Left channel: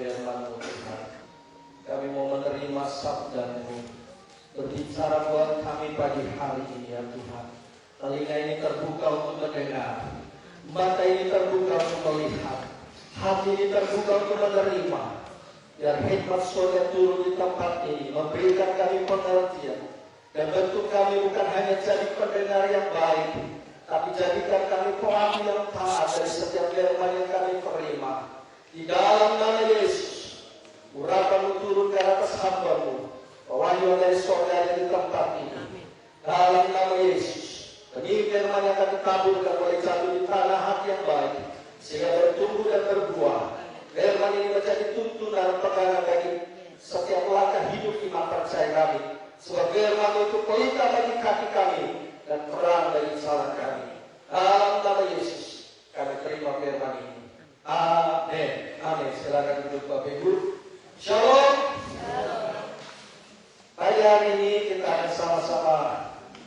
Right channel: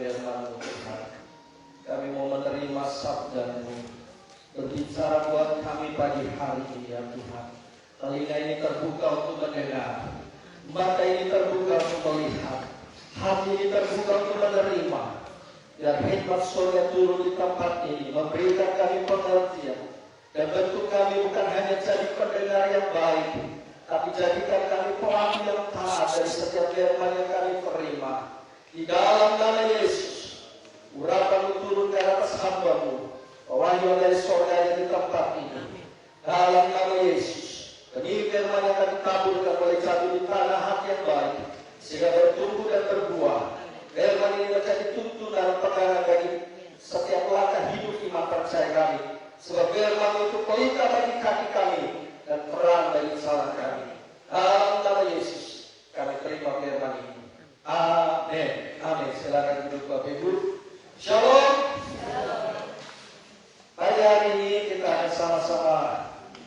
firman-Mu Tuhan. Kami mau menerima sabda-Mu. Berbicara buat kami pagi hari ini ya Tuhan. Telinga ini terbuka untuk mendengar, mata ini terbuka untuk melihat, hati ini terbuka untuk menerima. Dan hikmat surga turun di tempat ini, memberikan kami pengertian dan bentuk kami bukan hanya jadi pendengar yang baik, tapi jadikan kami paham yang taat dari setiap firman yang kami terima. Di dalam nama Yesus, urapan-Mu turun ke atas hamba-Mu, pewahyuan dari surga di tempat ini. Dalam nama Yesus, benih firman akan ditaburkan oleh jatuh di tanah hati yang baik, sehingga bertumbuh dan berbuah. Firman ini menjadi tuntunan pegangan bagi setiap langkah hidup iman percaya kami. Sebab firman itu pelita bagi kaki kami dan terang bagi jalan kami. Dalam nama Yesus, kami terima firman ini. Amin. Amin. Silakan duduk Bapak Ibu. Shalom. Pada hari ini kita akan sama-sama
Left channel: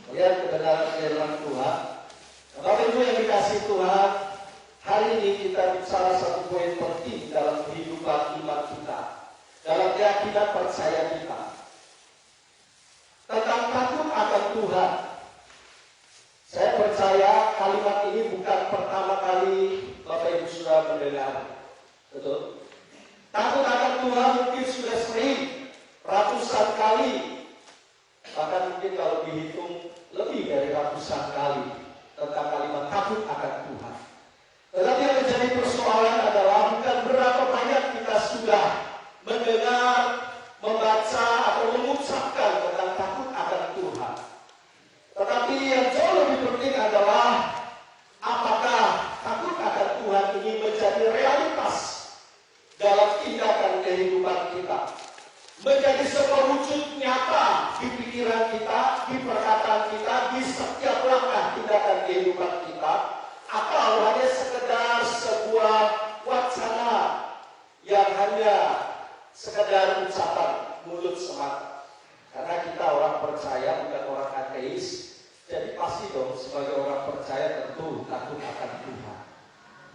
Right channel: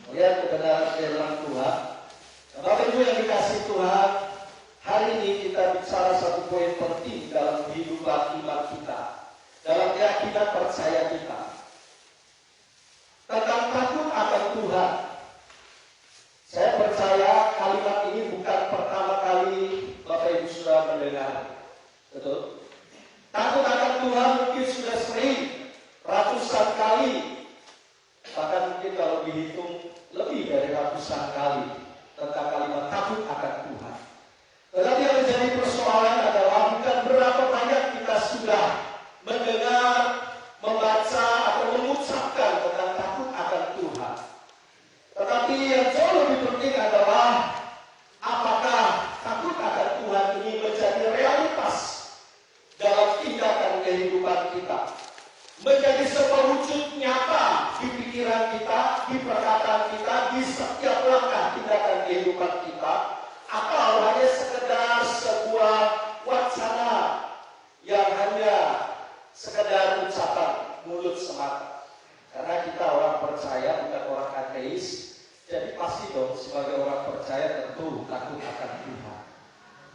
melihat kebenaran firman Tuhan. Bapak Ibu yang dikasih Tuhan, hari ini kita bicara satu poin penting dalam kehidupan iman kita, dalam keyakinan percaya kita, tentang takut akan Tuhan. Saya percaya kalimat ini bukan pertama kali Bapak Ibu sudah mendengar. Betul? Takut akan Tuhan mungkin sudah sering, ratusan kali, bahkan mungkin kalau dihitung lebih dari ratusan kali tentang kalimat takut akan Tuhan. Tetapi yang menjadi persoalan adalah bukan berapa banyak kita sudah mendengar, membaca, atau mengucapkan tentang takut akan Tuhan. Tetapi yang jauh lebih penting adalah apakah takut akan Tuhan ini menjadi realitas dalam tindakan kehidupan kita, menjadi sebuah wujud nyata di pikiran kita, di perkataan kita, di setiap langkah tindakan kehidupan kita, atau hanya sekedar sebuah wacana yang hanya sekedar ucapan mulut semata. Karena kita orang percaya, bukan orang ateis, jadi pasti dong sebagai orang percaya tentu takut akan Tuhan.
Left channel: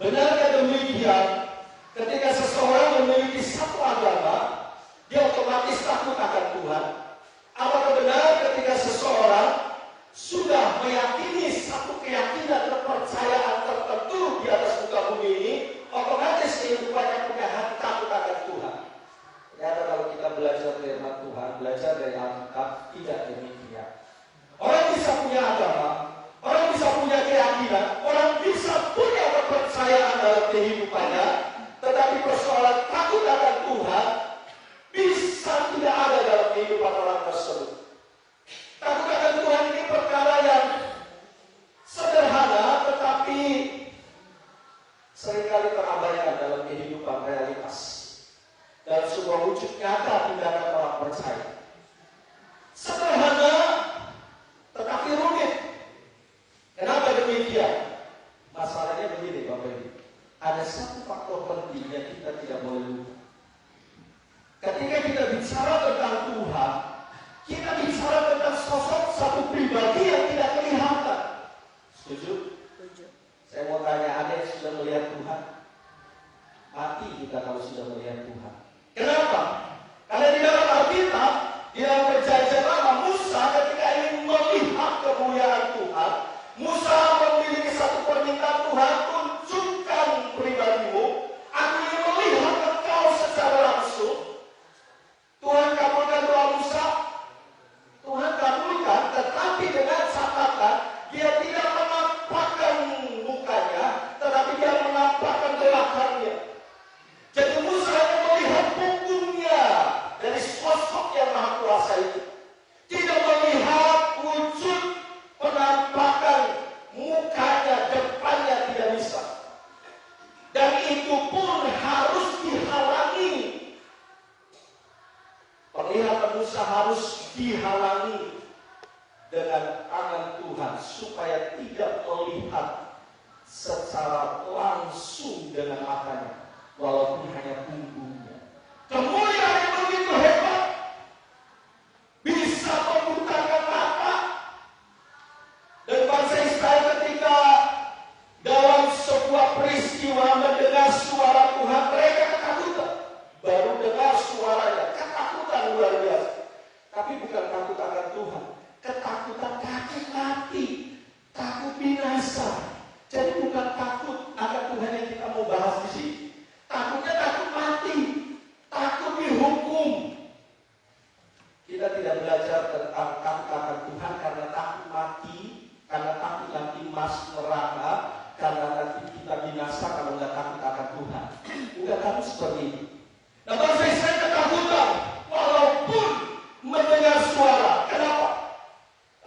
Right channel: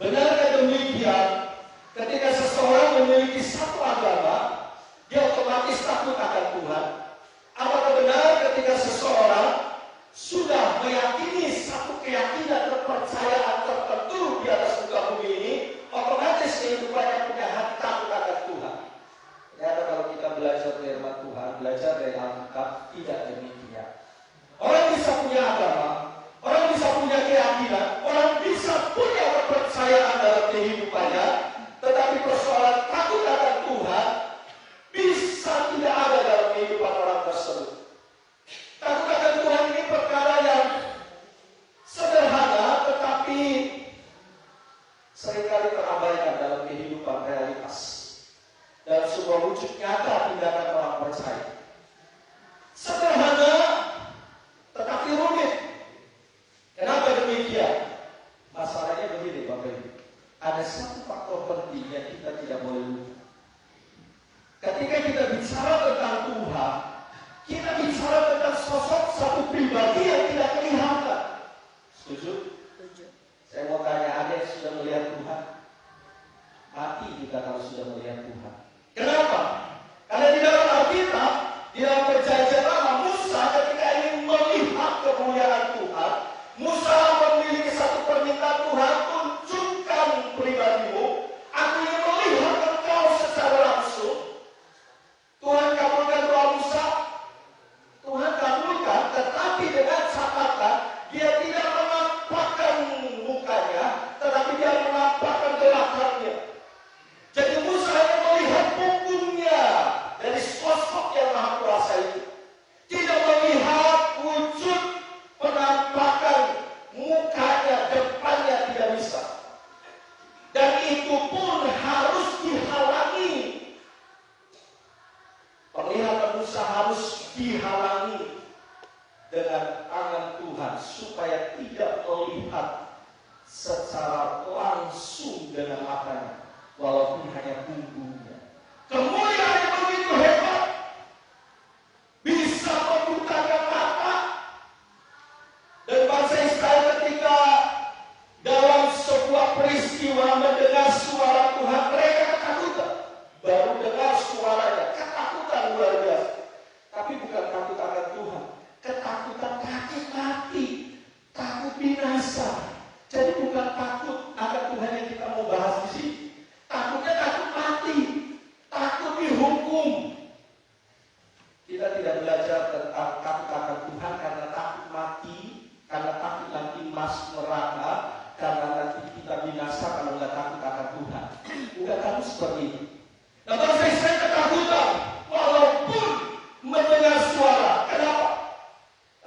Benarkah demikian? Ketika seseorang memiliki satu agama, dia otomatis takut akan Tuhan. Apakah benar ketika seseorang sudah meyakini satu keyakinan dan kepercayaan tertentu di atas muka bumi ini, otomatis kehidupannya punya hati takut akan Tuhan? Ternyata kalau kita belajar firman Tuhan, belajar dari Alkitab, tidak demikian. Orang bisa punya agama, orang bisa punya keyakinan, orang bisa punya kepercayaan dalam kehidupannya, tetapi persoalan takut akan Tuhan bisa tidak ada dalam kehidupan orang tersebut. Takut akan Tuhan ini perkara yang sederhana, tetapi seringkali terabaikan dalam kehidupan realitas dan sebuah wujud nyata tindakan orang percaya. Sederhana, tetapi rumit. Kenapa demikian? Masalahnya begini Bapak Ibu. Ada satu faktor penting yang kita tidak boleh lupa. Ketika kita bicara tentang Tuhan, kita bicara tentang sosok satu pribadi yang tidak kelihatan. Setuju? Setuju. Saya mau tanya, ada yang sudah melihat Tuhan? Mati kita kalau sudah melihat Tuhan. Kenapa? Karena di dalam Alkitab, di dalam perjanjian lama, Musa ketika ingin melihat kemuliaan Tuhan, Musa memiliki satu permintaan, Tuhan, tunjukkan pribadimu, aku ingin melihat engkau secara langsung. Tuhan kabulkan doa Musa. Tuhan kabulkan, tetapi dengan catatan dia tidak menampakkan mukanya, tetapi dia menampakkan belakangnya. Jadi Musa hanya melihat punggungnya dari sosok yang maha kuasa itu, tidak melihat wujud penampakan mukanya, depannya tidak bisa. Dan itu pun harus dihalangi. Penglihatan Musa harus dihalangi dengan tangan Tuhan supaya tidak melihat secara langsung dengan matanya, walaupun hanya punggungnya. Kemuliaan yang begitu hebat bisa membutakan mata. Dan bangsa Israel ketika dalam sebuah peristiwa mendengar suara Tuhan, mereka ketakutan. ini. Nah, bangsa Israel ketakutan walaupun mendengar suara. Kenapa?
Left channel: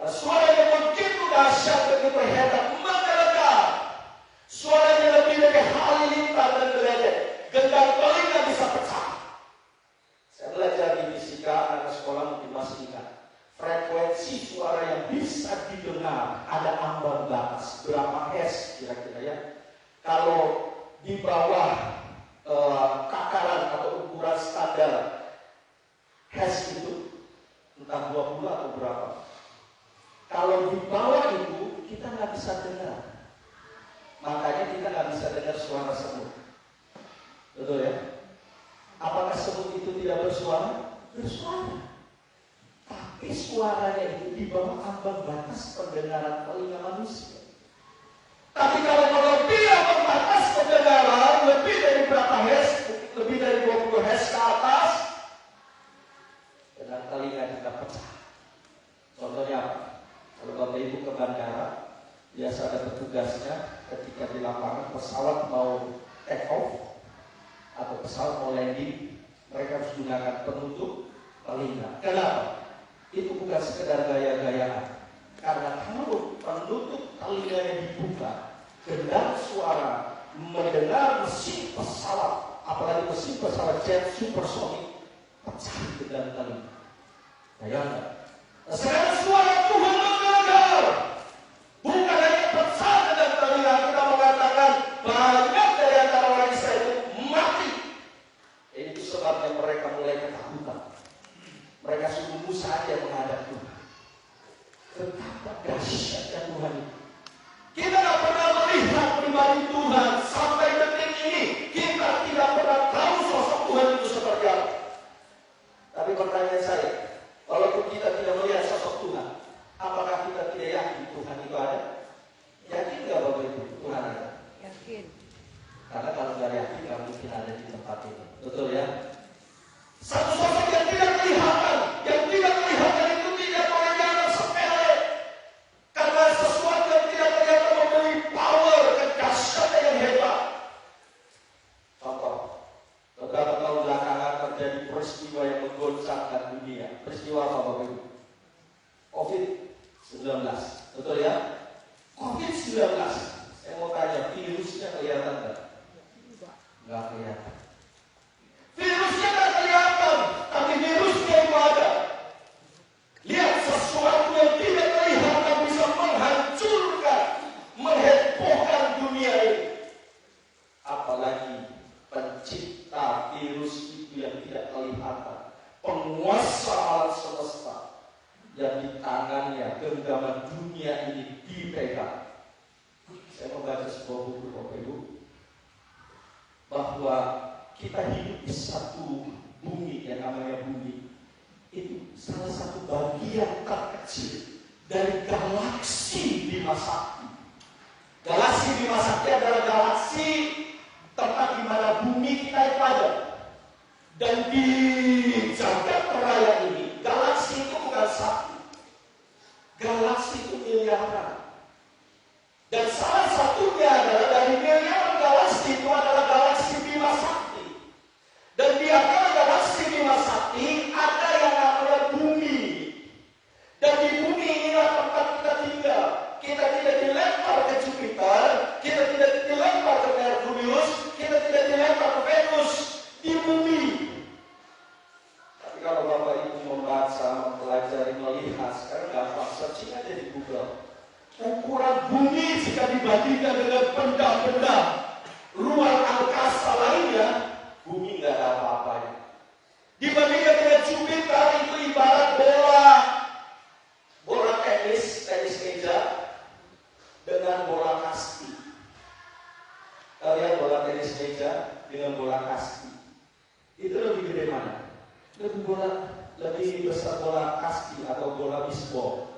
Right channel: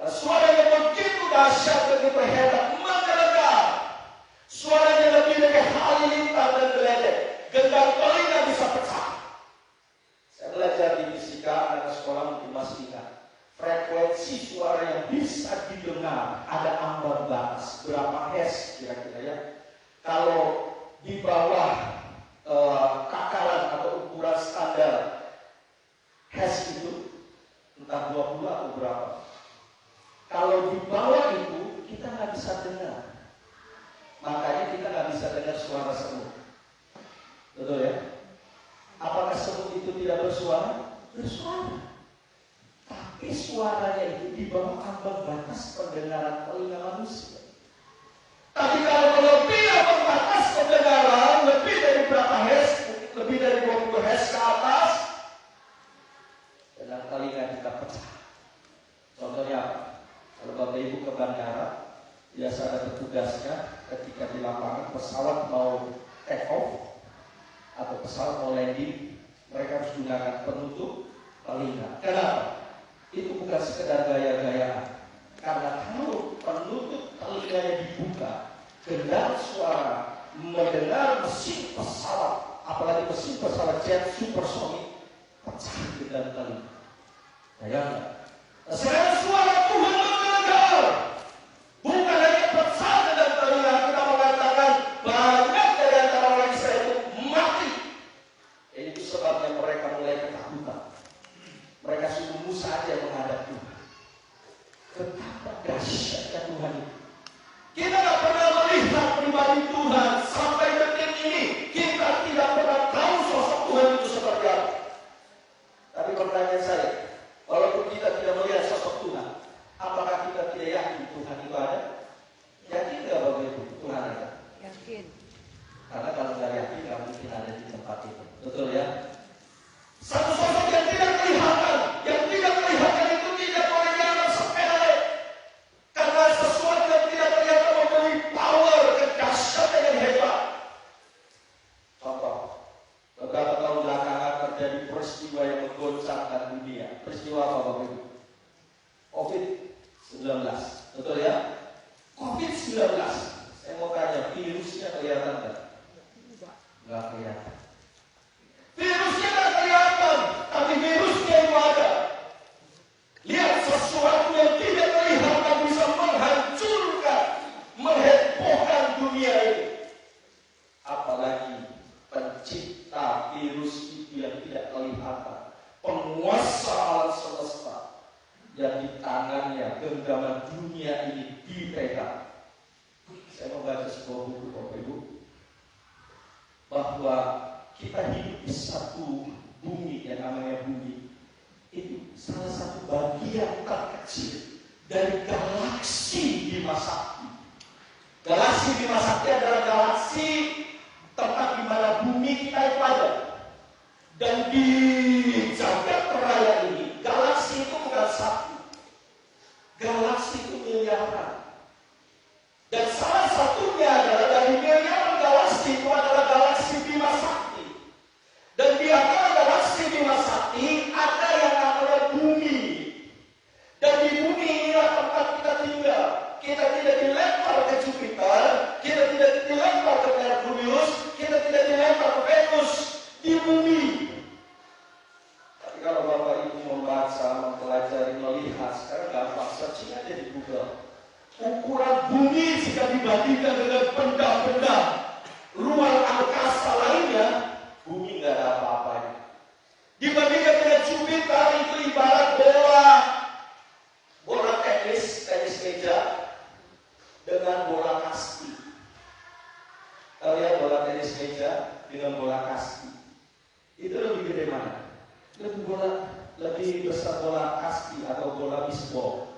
Suara yang begitu dahsyat, begitu hebat, menggelegar. Suaranya lebih dari halilintar dan geledek. Gendang telinga bisa pecah. Saya belajar di fisika, anak sekolah mungkin masih ingat. Frekuensi suara yang bisa didengar ada ambang batas. Berapa hertz kira-kira ya? Kalau di bawah takaran atau ukuran standar hertz itu entah 20 atau berapa. Kalau di bawah itu kita nggak bisa dengar. Makanya kita nggak bisa dengar suara semut. Betul ya? Apakah semut itu tidak bersuara? Bersuara. Tapi suaranya itu di bawah ambang batas pendengaran telinga manusia. Tapi kalau lebih ambang batas pendengaran, lebih dari berapa hertz, lebih dari 20 hertz ke atas, dan telinga kita pecah. Contohnya, kalau Bapak Ibu ke bandara, biasa ada petugasnya ketika di lapangan pesawat mau take off atau pesawat mau landing, mereka harus gunakan penutup telinga. Kenapa? Itu bukan sekedar gaya-gayaan. Karena kalau penutup telinganya dibuka, gendang suara mendengar mesin pesawat, apalagi mesin pesawat jet supersonik, pecah gendang telinga. Bayangkan. Sekarang suara Tuhan mendengar, bukan hanya pecah gendang telinga, kita mengatakan banyak dari antara orang Israel itu mati. Itu sebabnya mereka mulai ketakutan. Mereka sungguh saja menghadap Tuhan. Betapa dahsyatnya Tuhan itu. Kita tidak pernah melihat pribadi Tuhan sampai detik ini. Kita tidak pernah tahu sosok Tuhan itu seperti apa. Tapi pertanyaan saya, walaupun kita tidak melihat sosok Tuhan, apakah kita tidak yakin Tuhan itu ada? Yakin tidak Bapak Ibu Tuhan ada? Yakin. Karena kalau tidak yakin, tidak mungkin ada di tempat itu. Betul ya? Satu sosok yang tidak kelihatan, yang tidak kelihatan itu tidak mengajarkan sepele. Karena sesuatu yang tidak kelihatan mempunyai power, kedahsyatan yang hebat. Contoh, beberapa tahun belakangan terjadi peristiwa yang menggoncangkan dunia. Peristiwa apa Bapak Ibu? COVID-19. Betul ya? COVID-19. Saya mau tanya, virusnya kelihatan enggak? Enggak kelihatan. Virusnya tidak kelihatan, tapi virusnya itu ada. Lihat sesuatu yang tidak kelihatan bisa menghancurkan, menghebohkan dunia ini. Apalagi pencipta virus itu yang tidak kelihatan, penguasa alam semesta yang di tangannya genggaman dunia ini dipegang. Saya mau baca sebuah buku Bapak Ibu bahwa kita hidup di satu bumi yang namanya bumi. Itu salah satu bagian terkecil dari galaksi Bima Sakti. Galaksi Bima Sakti adalah galaksi tempat di mana bumi kita itu ada. Dan di jagat raya ini, galaksi itu bukan satu. Galaksi itu miliaran. Dan salah satunya adalah dari miliaran galaksi itu adalah galaksi Bima Sakti. Dan di antara galaksi Bima Sakti ada yang namanya bumi. Dan di bumi inilah tempat kita tinggal. Kita tidak dilempar ke Jupiter, kita tidak dilempar ke Merkurius, kita tidak dilempar ke Venus. Di bumi. Tapi kalau Bapak Ibu membaca, mempelajari, melihat, sekarang gampang searching aja di Google. Ukuran bumi jika dibandingkan dengan benda-benda ruang angkasa lainnya, bumi nggak ada apa-apanya. Dibandingkan dengan Jupiter itu ibarat bola tenis meja dengan bola kasti. Kalian bola tenis meja dengan bola kasti, itu lebih gede mana? Lebih besar bola kasti atau bola bisbol.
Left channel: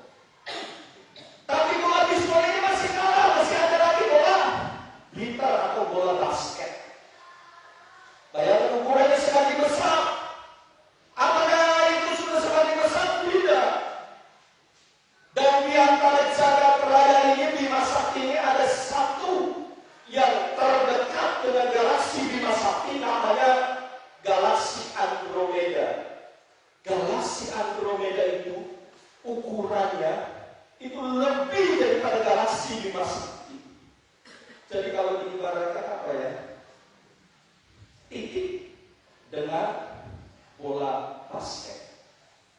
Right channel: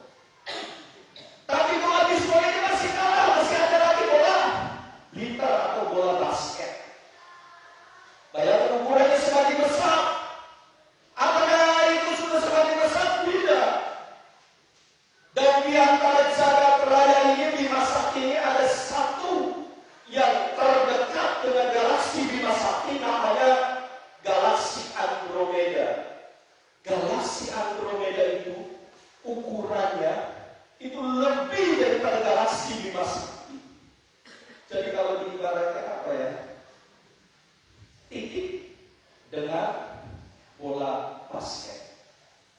Tapi bola bisbol ini masih kalah, masih ada lagi bola liter atau bola basket. Bayangkan ukurannya semakin besar. Apakah itu sudah semakin besar? Tidak. Dan di antara jagat raya ini, Bima Sakti ini ada satu yang terdekat dengan galaksi Bima Sakti, namanya masih dimasuki. Jadi kalau diibaratkan apa ya? Titik dengan bola basket.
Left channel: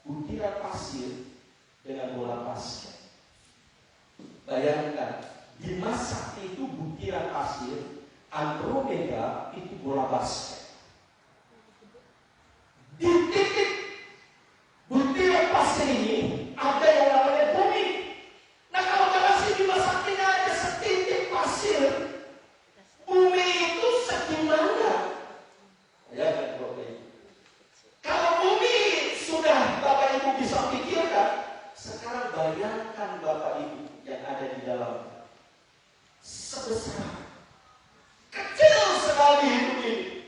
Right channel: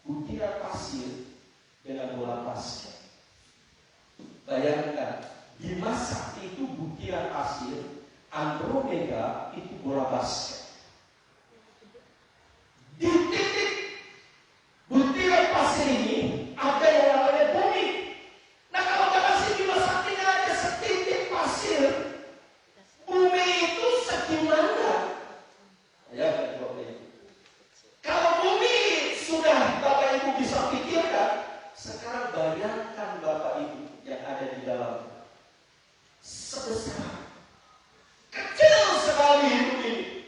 Butiran pasir dengan bola basket. Bayangkan, di masa itu butiran pasir, Andromeda itu bola basket. Di titik butiran pasir ini ada yang namanya bumi. Nah, kalau masih di masa ini ada setitik pasir, bumi itu segimana? Ya, kalau bumi sudah Bapak Ibu bisa pikirkan, sekarang bayangkan Bapak Ibu yang ada di dalam sebesar kecil sekali hidup ini.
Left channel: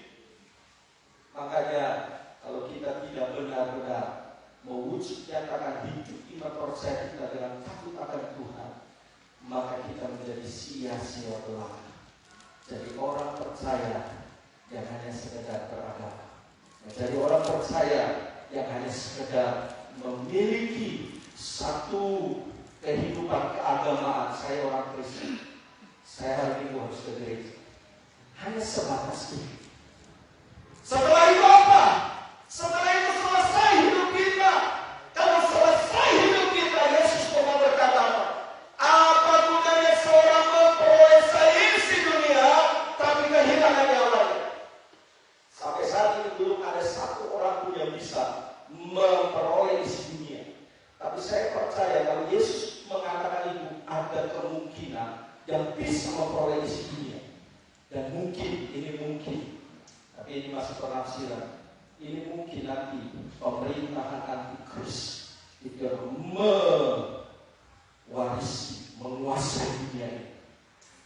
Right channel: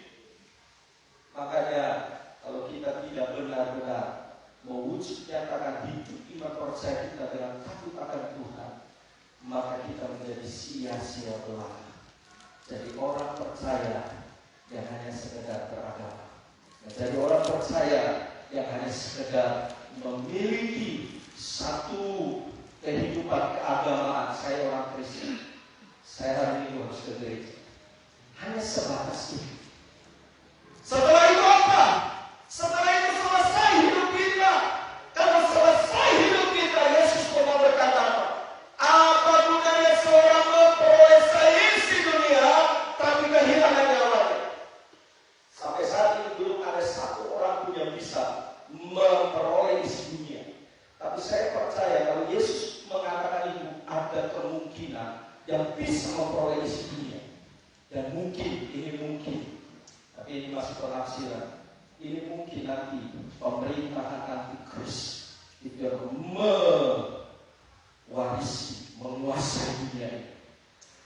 Makanya kalau kita tidak benar-benar mewujud nyatakan hidup iman percaya kita dengan takut akan Tuhan, maka kita menjadi sia-sia belaka. Jadi orang percaya yang hanya sekedar beragama, menjadi orang percaya yang hanya sekedar memiliki satu kehidupan keagamaan. Saya orang Kristen, saya hari ini harus ke gereja, hanya sebatas itu. Setelah itu apa? Setelah itu selesai hidup kita. Kalau selesai hidup kita, Yesus pernah berkata apa gunanya seorang memperoleh seisi dunia tapi kehilangan nyawanya? Sampai saat ini belum ada satu orang pun yang bisa memperoleh isi dunia. Tapi saya percaya kalau Yesus mengatakan itu, ada kemungkinan yang bisa memperoleh isi dunia. Dan mungkin, ini mungkin, tapi ini masih penafsiran. Ini mungkin nanti pemerintahan antikris itu yang mewarisi, menguasai dunia ini.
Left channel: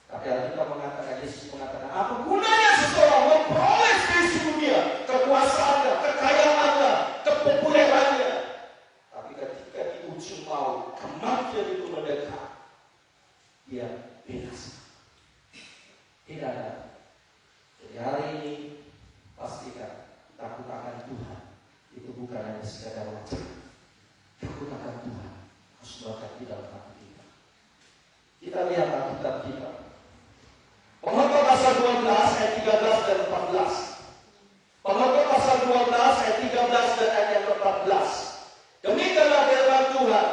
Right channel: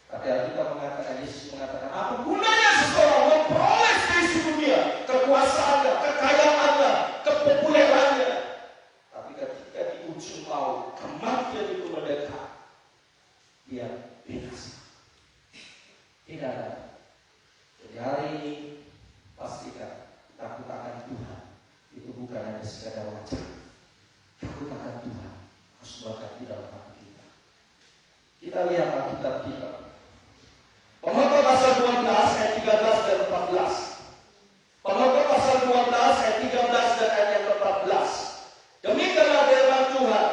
Tapi kita mengatakan, Yesus mengatakan, apa gunanya seseorang memperoleh seisi dunia, kekuasaannya, kekayaannya, kepopulerannya. Tapi ketika di ujung maut, kematian itu mendekat, dia binasa. Tidak ada. Jadi hari ini pastikan takut akan Tuhan itu bukan hanya sekadar wajah. Takut akan Tuhan harus melekat di dalam hati kita. Kita lihat Alkitab kita. Pembukaan pasal 12 ayat 13 dan 14. Pembukaan pasal 12 ayat 13 dan ayat 14. Demikianlah firman Tuhan.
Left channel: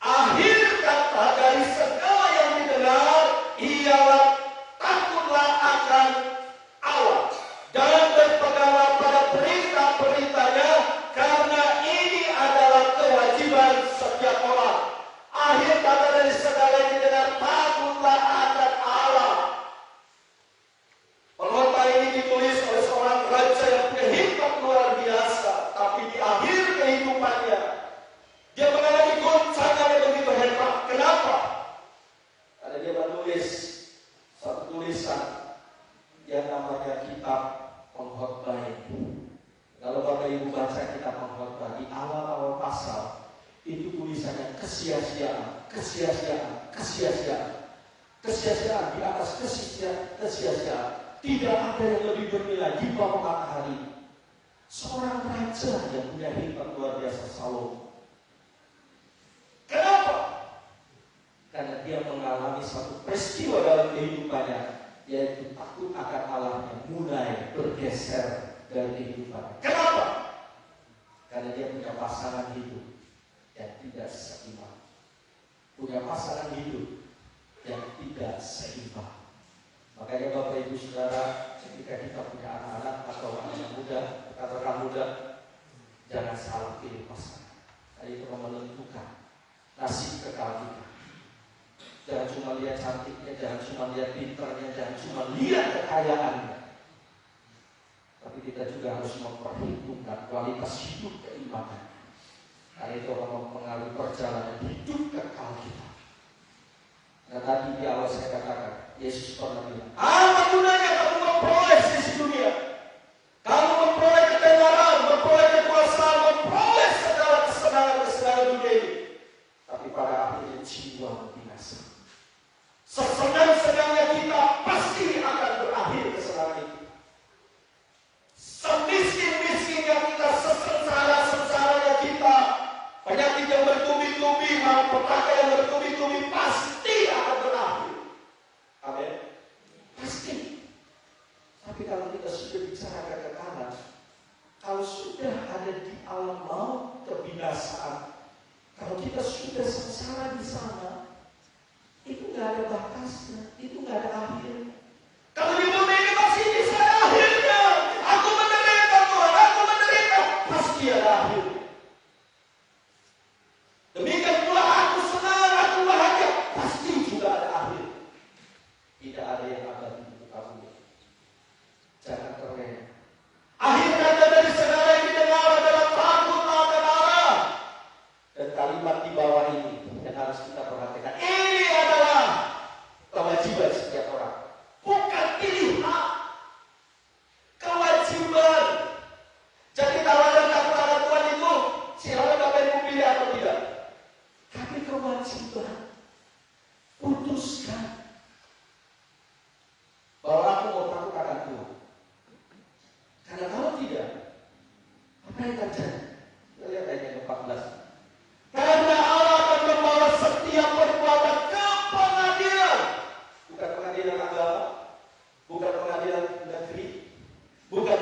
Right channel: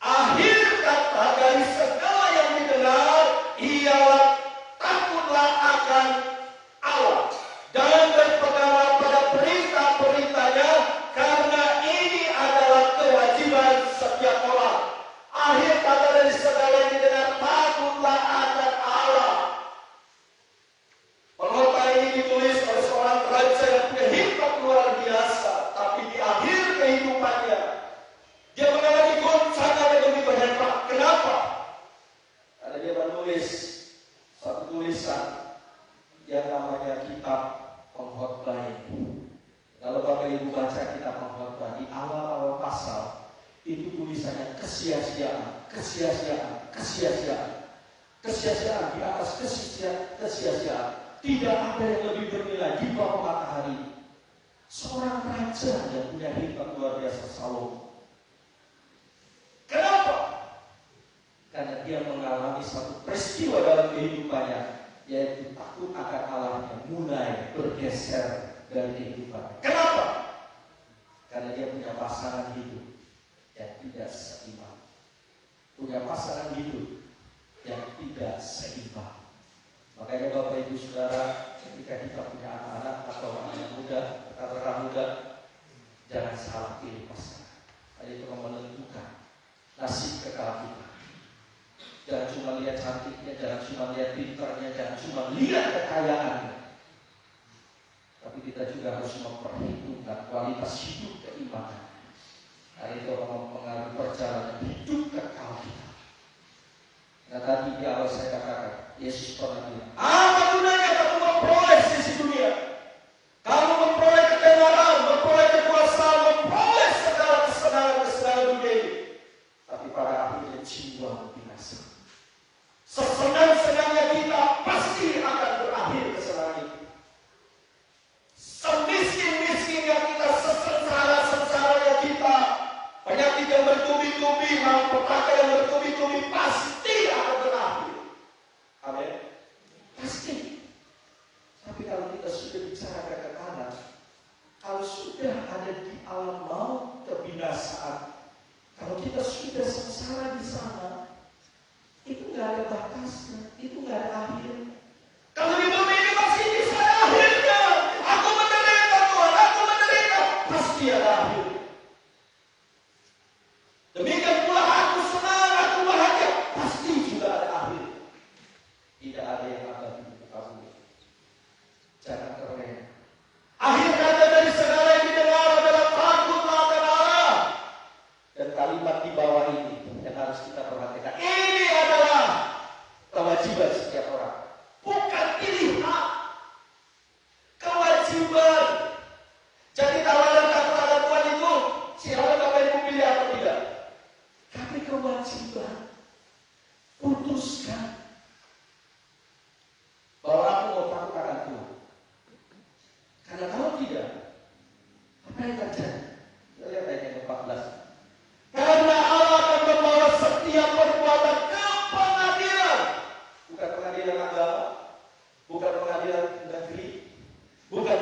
Akhir kata dari segala yang didengar ialah takutlah akan Allah dan berpeganglah pada perintah-perintahnya, karena ini adalah kewajiban setiap orang. Akhir kata dari segala yang didengar, takutlah akan Allah. Pernyataan ini ditulis oleh seorang raja yang punya hikmat luar biasa, tapi di akhir kehidupannya dia mengalami goncangan yang begitu hebat. Kenapa? Karena dia menulis satu tulisan yang namanya kitab Pengkhotbah. Kalau Bapak Ibu baca kitab Pengkhotbah di awal-awal pasal, itu tulisannya kesia-siaan, kesia-siaan, kesia-siaan, kesia-siaan di atas kesia-siaan. Tidak ada yang lebih bernilai di bawah matahari. Seorang raja yang punya hikmat luar biasa, Salomo. Kenapa? Karena dia mengalami satu peristiwa dalam kehidupannya, yaitu takut akan Allahnya mulai bergeser dari kehidupan. Kenapa? Karena dia punya pasangan hidup yang tidak seimbang. Punya pasangan hidup yang tidak seimbang. Makanya Bapak Ibu Saudara, ketika kita punya anak-anak atau anak muda, katakan muda, jangan salah pilih pasangan. Itu menentukan nasib kekal kita. Jangan cuma lihat cantiknya, jangan cuma lihat pintarnya, jangan cuma lihat kekayaannya. Tapi kita juga harus memperhitungkan kualitas hidup keimanan. Karena itu mempengaruhi perjalanan hidup kekal kita. Nah tadi di awal saya katakan, Yesus pernah bilang, apa gunanya kamu memperoleh sisi dunia? Kamu memperoleh ketenaran, memperoleh kekuasaan, memperoleh segala kesenangan dunia ini. Tapi pada akhirnya jiwa binasa. Sesenang-senangnya kita pasti akan berakhir kesenangan itu. Semiskin-miskinnya kita, sengsara-sengsaranya kita, penyakit yang bertubi-tubi, malapetaka yang bertubi-tubi pasti Allah mau kebinasaan. Kalau kita sudah sengsara di sana, itu nggak ada batasnya, itu nggak ada akhirnya. Kalau di bumi ini masih bisa ada akhirnya. Aku menderita Tuhan, aku menderita, pasti ada akhirnya. Demikian pula aku senang, aku bahagia, pasti juga ada akhir. Tidak ada yang abadi untuk kamu. Jangan terlena. Akhir kata dari segala yang didengar adalah takut akan Allah. Dan kalimat di bawah ini yang harus kita perhatikan. Ini adalah kewajiban setiap orang. Bukan pilihan. Kewajiban. Jadi kalau yang takut akan Tuhan itu, silakan Bapak Ibu pilih atau tidak. Tapi kewajiban. Putuskan. Bahwa aku mau takut akan Tuhan. Karena kalau tidak, apa yang terjadi? Lihat ayat 14. Karena Allah akan membawa setiap perbuatan ke pengadilan. Bukan pengadilan agama, bukan pengadilan negeri, bukan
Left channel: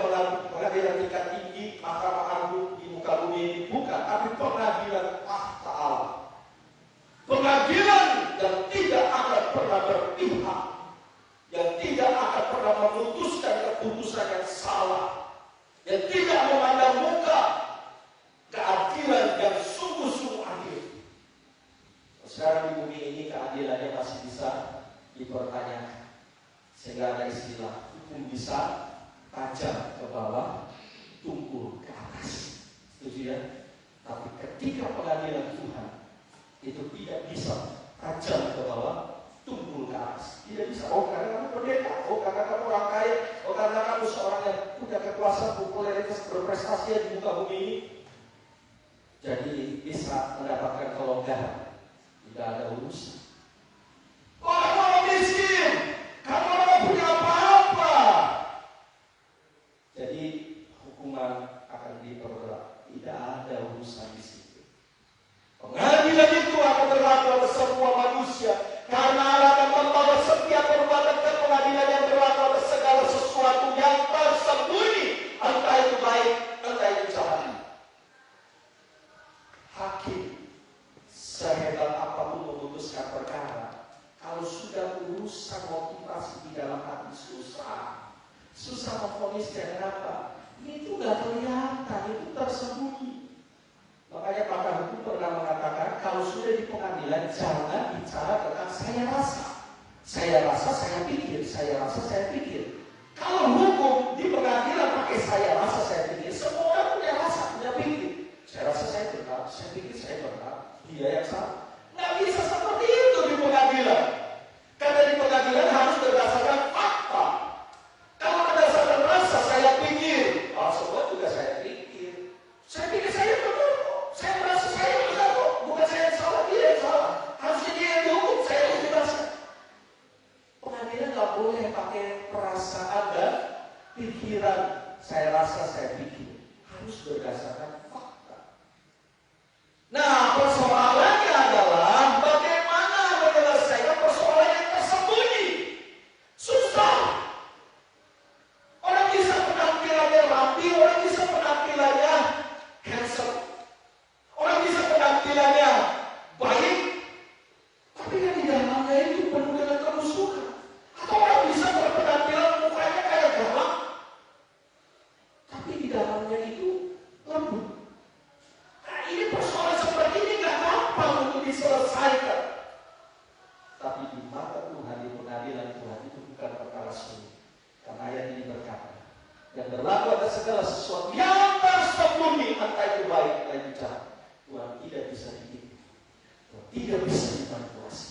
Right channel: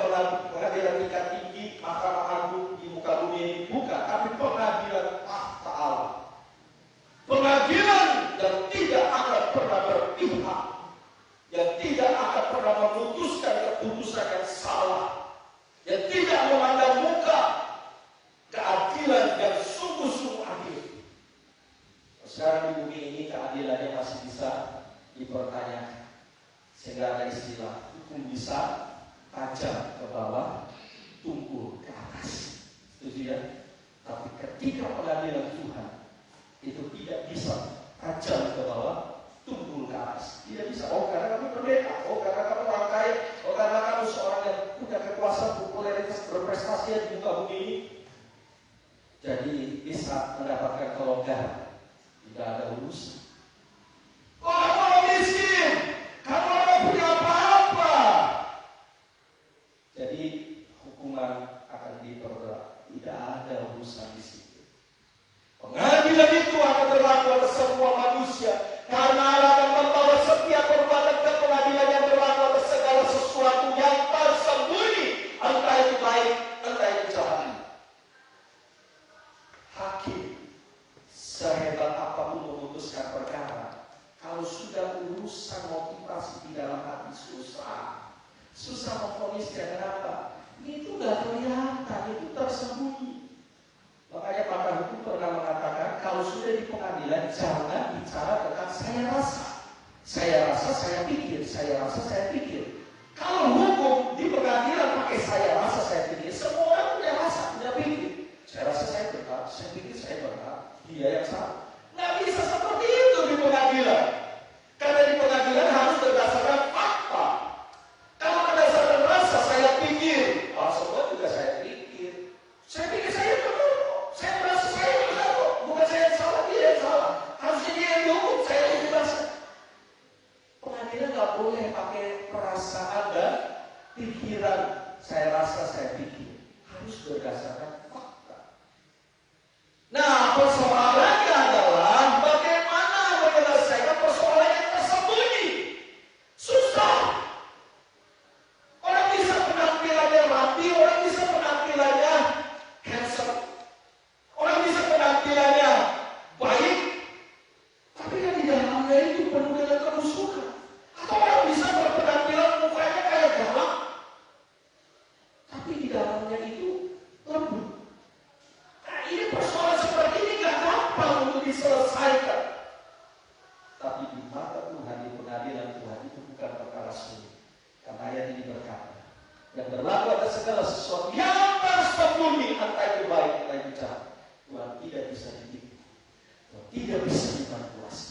pengadilan tingkat tinggi, mahkamah agung di muka bumi ini, bukan, tapi pengadilan tahta Allah. Pengadilan yang tidak akan pernah berpihak, yang tidak akan pernah memutuskan keputusan yang salah, yang tidak memandang muka, keadilan yang sungguh-sungguh adil. Sekarang di bumi ini keadilannya masih bisa dipertanyakan. Sehingga ada istilah hukum bisa tajam ke bawah, tumpul ke atas. Setuju ya? Tapi ketika pengadilan Tuhan itu tidak bisa tajam ke bawah, tumpul ke atas. Tidak bisa. Oh karena kamu pendeta, oh karena kamu orang kaya, oh karena kamu seorang yang punya kekuasaan, popularitas, berprestasi di muka bumi ini, jadi bisa mendapatkan kelonggaran. Tidak ada urusan. Oh kamu orang miskin, kamu orang punya apa-apa. Jadi hukuman akan diperberat. Tidak ada urusan di situ. Pengadilan itu akan berlaku atas semua manusia. Karena Allah akan membawa setiap perbuatan ke pengadilan yang berlaku atas segala sesuatu yang tersembunyi. Entah itu baik, entah itu jahat. Hakim sehebat apapun memutuskan perkara, kalau sudah urusan motivasi di dalam hati susah memfonis dengan apa? Itu nggak kelihatan, itu tersembunyi. Makanya pakar hukum pernah mengatakan kalau sudah di pengadilan jangan bicara tentang saya rasa, saya pikir, saya rasa, saya pikir. Kalau hukum di pengadilan pakai saya rasa, saya pikir, semua orang punya rasa, punya pikir. Saya rasa saya benar, saya pikir saya benar, dia yang salah. Nggak bisa seperti itu di pengadilan. Karena di pengadilan harus berdasarkan fakta. Kalau berdasarkan rasa, saya pikir, semua juga saya pikir. Saya pikir saya benar, saya merasa saya benar, bukan saya yang salah, dia yang salah. Harusnya dia yang dihukum, saya yang dibahas. Pengadilan nggak boleh pakai perasaan dan pikiran. Saya rasa, saya pikir. Harus berdasarkan fakta. Nah, persoalannya adalah bagaimana menyelesaikan persoalan yang tersembunyi. Susah. Orang bisa penampilannya mati, orang bisa penampilannya handsome, orang bisa penampilannya baik, tapi yang di dalamnya itu penuh dengan kerusuhan. Atau orang bisa berpenampilan mukanya kayak galak, tapi di dalamnya itu lembut. Nah, ini persoalan seperti ini nggak gampang untuk diselesaikan. Tapi di mata Tuhan, di pengadilan Tuhan itu bukan perkara sulit. Karena ayat ini berkata, yang berlaku atas segala sesuatu yang tersembunyi, entah itu baik, entah itu jahat, Tuhan tidak bisa ditipu, tidak bisa dimanipulasi.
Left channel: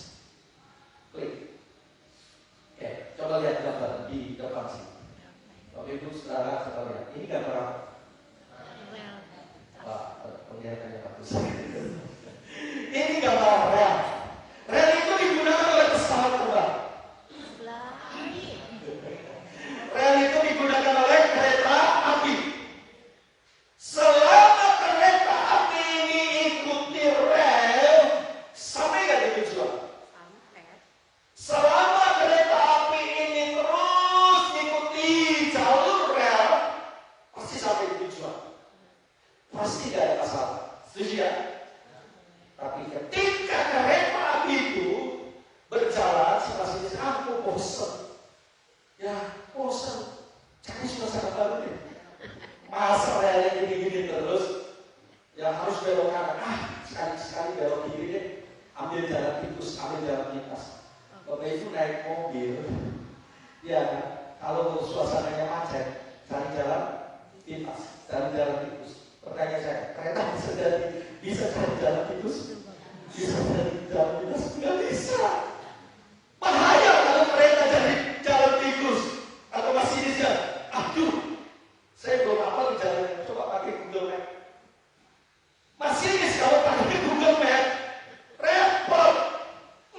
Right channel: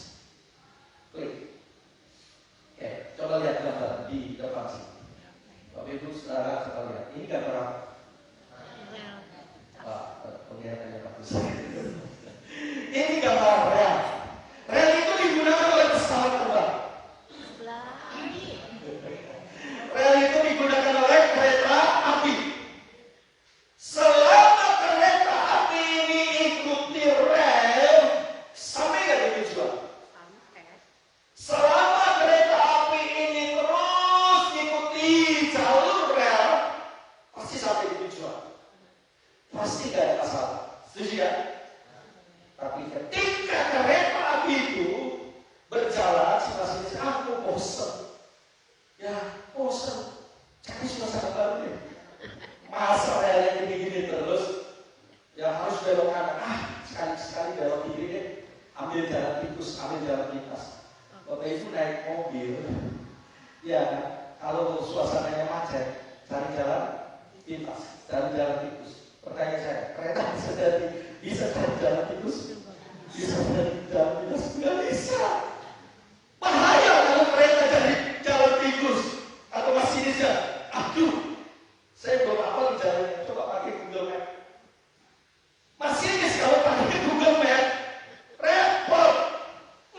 Klik. Oke, coba lihat gambar di depan sini. Bapak Ibu saudara, coba lihat. Ini gambar apa? Penglihatannya bagus. Ini gambar rel. Rel itu digunakan oleh pesawat terbang. Rel itu digunakan oleh kereta api. Selama kereta api ini ikuti rel, sampai nggak di tujuan? Selama kereta api ini terus ikuti jalur rel, pasti sampai di tujuan. pasti gak ada masalah. Setuju ya? Tapi ketika kereta api itu berjalan, si aku bosan. Ya, bosan. Cari suasana baru nih. Masa yang gini-gini terus, ya harus belok kanan. Sekali-sekali belok kiri deh. Ambil jalan tikus, ambil jalan lintas. Bapak itu naik mobil. Ya, kalau suasananya macet, cari jalan lintas, cari jalan tikus. Pertanyaan saya, kereta bisa cari jalan tikus? Bisa cari jalan lintas? Nggak bisa. Bahaya kalau kereta cari jalan tikus atau masih bisa. Aduh, saya belum apa di jalan. Coba pakai Google Map. Masinis kalau pakai Google Map, repot.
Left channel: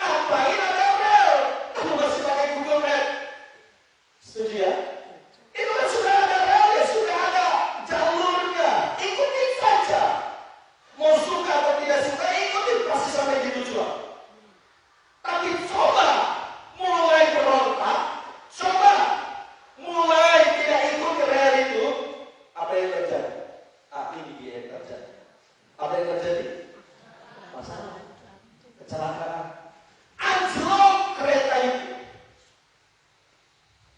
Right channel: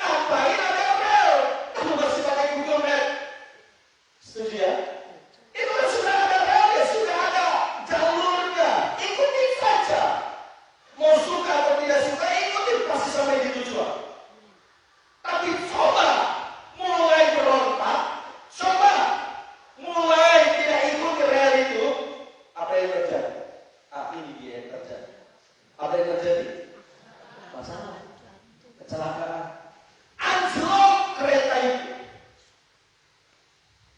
Ngapain ada rel? Kamu masih pakai Google Map? Setuju ya? Itu kan sudah ada rel ya, sudah ada jalurnya. Ikuti saja. Mau suka atau tidak suka, ikuti pasti sampai di tujuan. Tapi coba mulai berontak, coba mulai tidak ikuti rel itu, apa yang terjadi? Ini dia yang terjadi. Apa yang terjadi? Masalah, kecelakaan, anjlok kereta itu.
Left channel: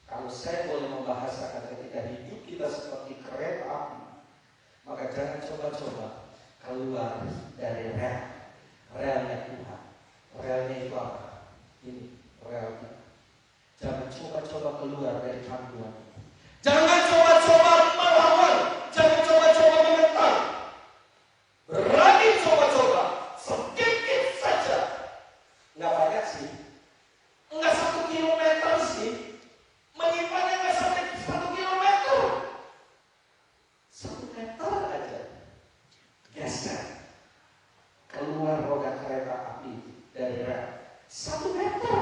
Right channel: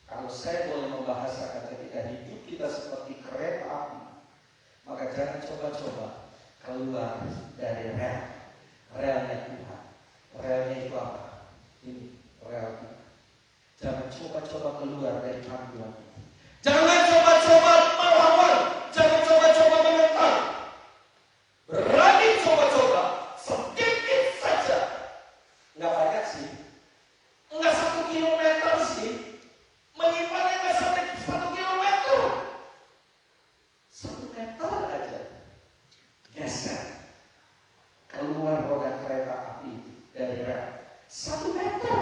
Kalau saya boleh membahasakan ketika hidup kita seperti kereta api, maka jangan coba-coba keluar dari rel. Relnya Tuhan. Relnya itu apa? Ini rel itu. Jangan coba-coba keluar dari panduan. Jangan coba-coba melawan. Jangan coba-coba menentang. Berani coba-coba. Sedikit saja. Nggak banyak sih. Nggak 1 kilometer sih. Menyimpannya nggak sampai 1 kilometer. 1 meter aja. Geser. Keluar roda kereta api dari rel. 1 meter.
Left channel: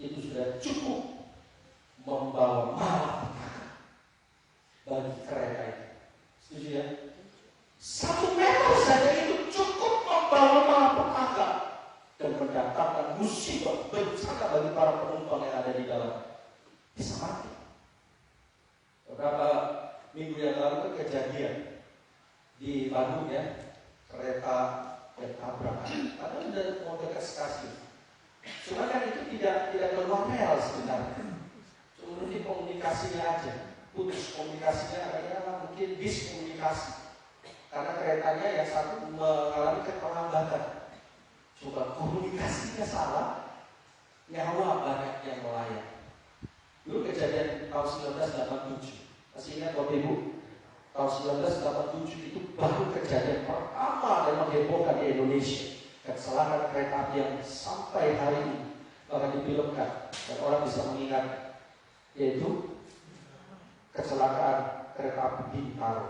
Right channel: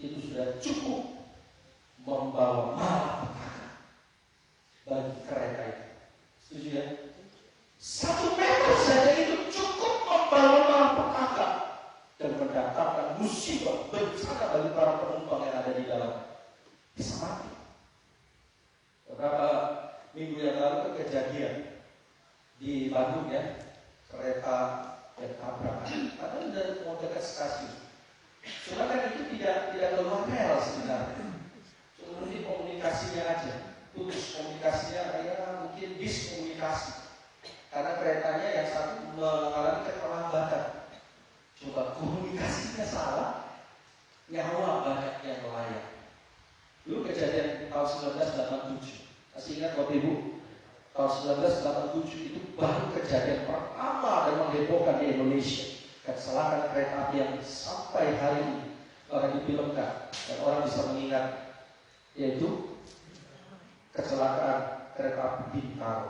Itu sudah cukup membawa malapetaka bagi kereta itu. Setuju ya? 1 meter saja itu cukup membawa malapetaka dan mendatangkan musibah bencana bagi para penumpang yang ada di dalam. Bisa mati. Beberapa minggu yang lalu itu kejadian di Bandung ya, kereta yang tabrakan. Padahal sudah mau dekat stasiun. Cuma kan itu tidak keluar rel sebenarnya. Cuma ini komunikasinya aja. Putus komunikasinya ya mungkin diskomunikasi. Karena keretanya yang satu mengalami keterlambatan. Coba komunikasinya salah, nyawa banyak yang melayang. Dulu kejadian tahun 1987. Masih ingat Bapak Ibu? Tahun 1987 itu baru kejadian pertama dan menghebohkan di Indonesia. Kecelakaan kereta api yang sampai hari ini akan difilmkan dan orang bisa mengingat, yaitu kecelakaan kereta api Bintaro.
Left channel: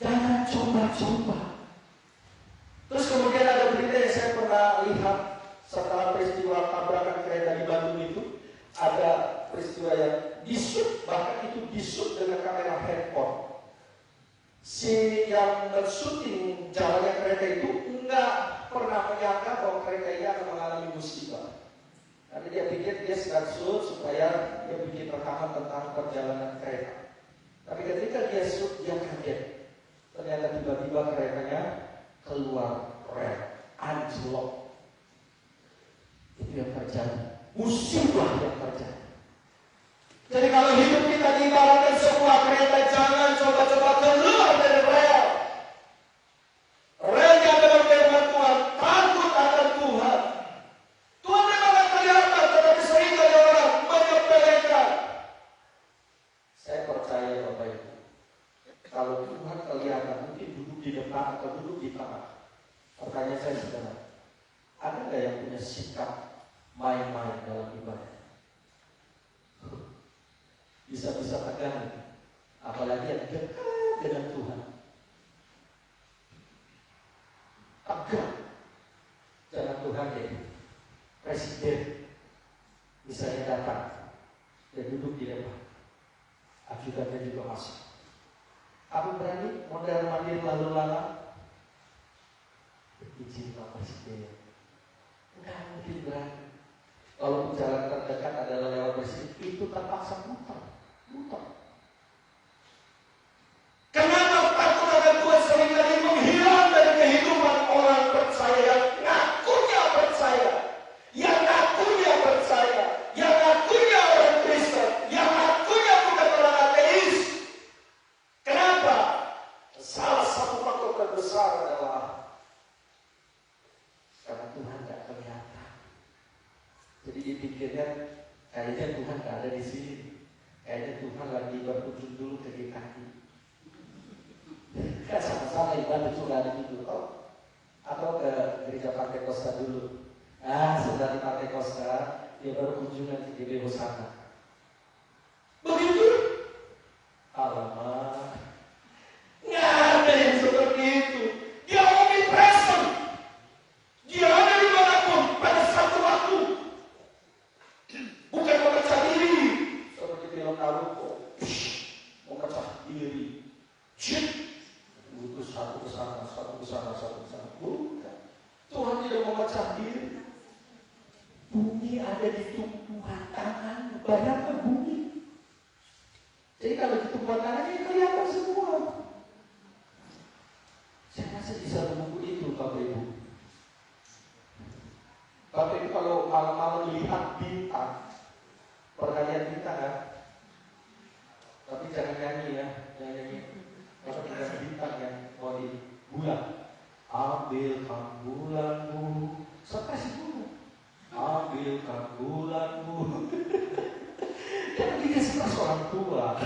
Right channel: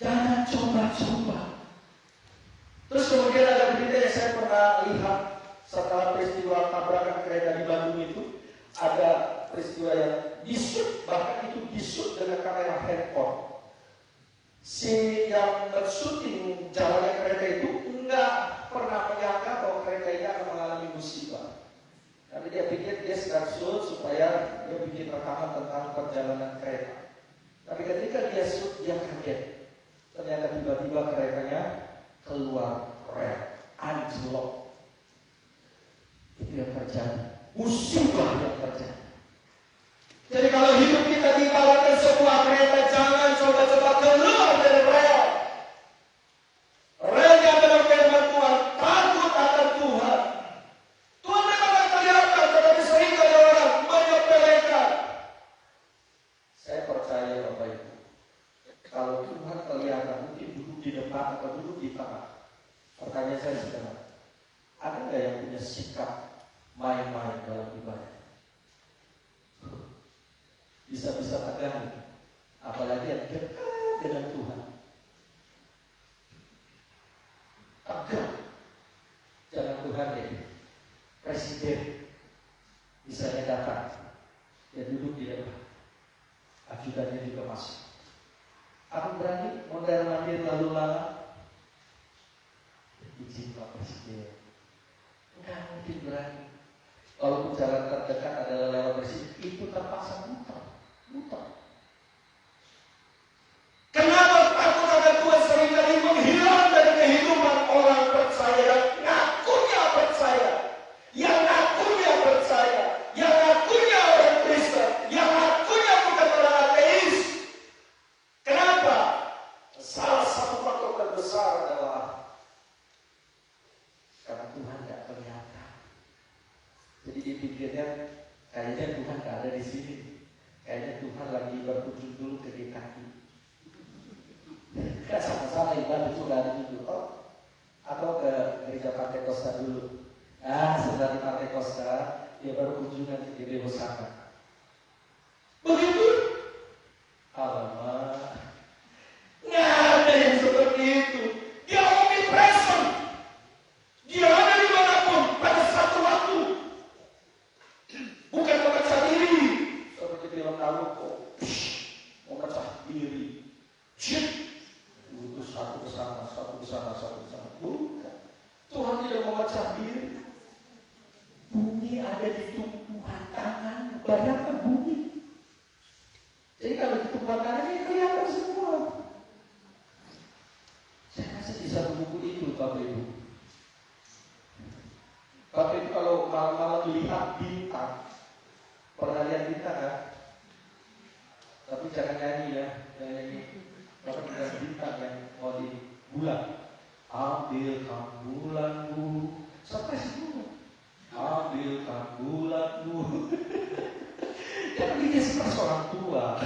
Jangan coba-coba. Terus kemudian ada berita yang saya pernah lihat setelah peristiwa tabrakan kereta di Bandung itu, ada peristiwa yang disut, bahkan itu disut dengan kamera handphone. Si yang mensyuting jalannya kereta itu enggak pernah menyangka bahwa kereta ini akan mengalami musibah. Tapi dia pikir dia sedang shoot supaya dia bikin rekaman tentang perjalanan kereta. Tapi ketika dia shoot, dia kaget. Ternyata tiba-tiba keretanya keluar rel, anjlok. Itu yang terjadi. Musibah yang terjadi. Jadi kalau hidup kita dibawakan sebuah kereta, jangan coba-coba keluar dari rel. Rel yang benar-benar Tuhan, takut akan Tuhan. Tuhan memang akan kelihatan, tetapi sering ada orang menyepelekan. Saya percaya Bapak Ibu, kalau Tuhan kelihatan mungkin duduk di depan atau duduk di tengah. Pertanyaan saya sebenarnya, ada nggak yang punya sikap main-main dalam ibadah? Bisa-bisa tegang, apalagi yang dekat dengan Tuhan. Tegang, jangan Tuhan deh. Presiden misalnya datang, dia duduk di depan, ajudannya juga masuk. Aku berani modal mandir lalu lalang. Izin Pak Presiden. Enggak mungkin berani. Kalau jalan terdekat adalah lewat presiden, itu terpaksa muter. Buta. Kenapa takut akan Tuhan seringkali menghilang dari kehidupan orang percaya yang ngakunya percaya, yang ngakunya percaya, yang ngakunya orang Kristen, yang ngakunya bukan orang ateis. Kenapa? Salah satu faktor terbesar adalah karena Tuhan tidak kelihatan. Jadi dipikirnya kayaknya Tuhan tidak ada di sini. Kayaknya Tuhan lagi berkunjung dulu ke DKI. Kita sama-sama ibadah curhat dulu, atau ke gereja Partai Costa dulu. Sudah di Partai Costa, dia baru kunjungan ke GBI Hosana. Begitu? Alamak, nggak ada yang seperti itu. Dia omnipresent. Dia ada dimanapun pada satu waktu. Bukan memecah diri seperti film Naruto. Memecah diri. Itu satu kesana. Bukan. Tuhan tidak memecah diri. Bumi ada di tumpuan tangan. Bayangkan bumi. Jadi kalau di tumpuan tangannya kelihatan semua. Saya kasih di satu buku itu, Bapak Ibu. Bapak Ibu kalau malam-malam lihat bintang, pernah lihat bintang ya? Tapi jangan nyanyi ya, nyanyi. Bapak lihat bintang yang mau di bulan. Ambilkan bulanmu, sampai sebelum. Ambilkan bulanmu. Jangan bikin seperti orang tua.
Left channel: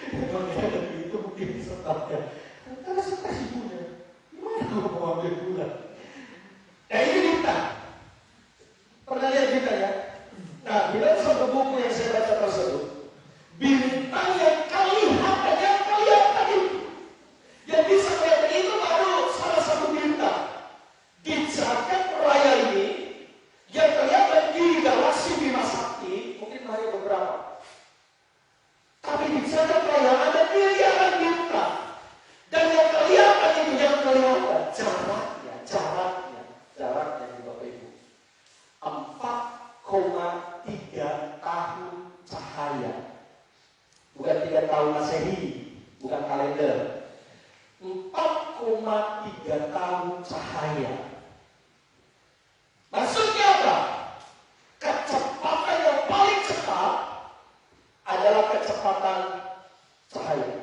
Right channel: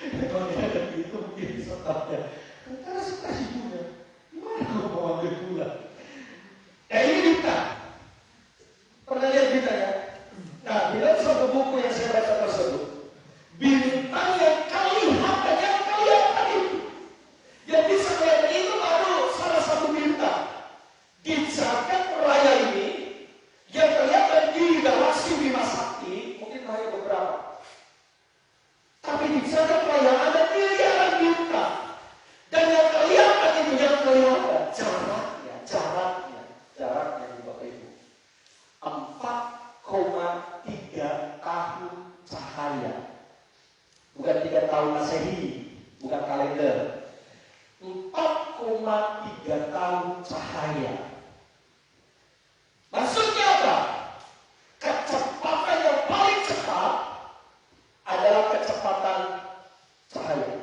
Kalau ada itu mungkin setapnya. Karena seperti sebelumnya. Gimana kalau mau ambil bulan? Nah ini bintang. Pernah lihat bintang ya? Nah, bila satu buku yang saya baca tersebut, bintang yang terlihat dan yang kelihatan itu, yang bisa kelihatan itu baru salah satu bintang. Di jagat raya ini, yang kelihatan di galaksi Bima Sakti, mungkin hanya beberapa. Tapi di jagat raya ada miliaran bintang. Dan yang kelihatan itu, yang kelihatan jaraknya di Bapak Ibu. 4,3 tahun cahaya. Bukan 3 tahun Masehi, bukan kalender. 4,3 tahun cahaya. Maksudnya apa? Kecepatan yang paling cepat adalah kecepatan cahaya.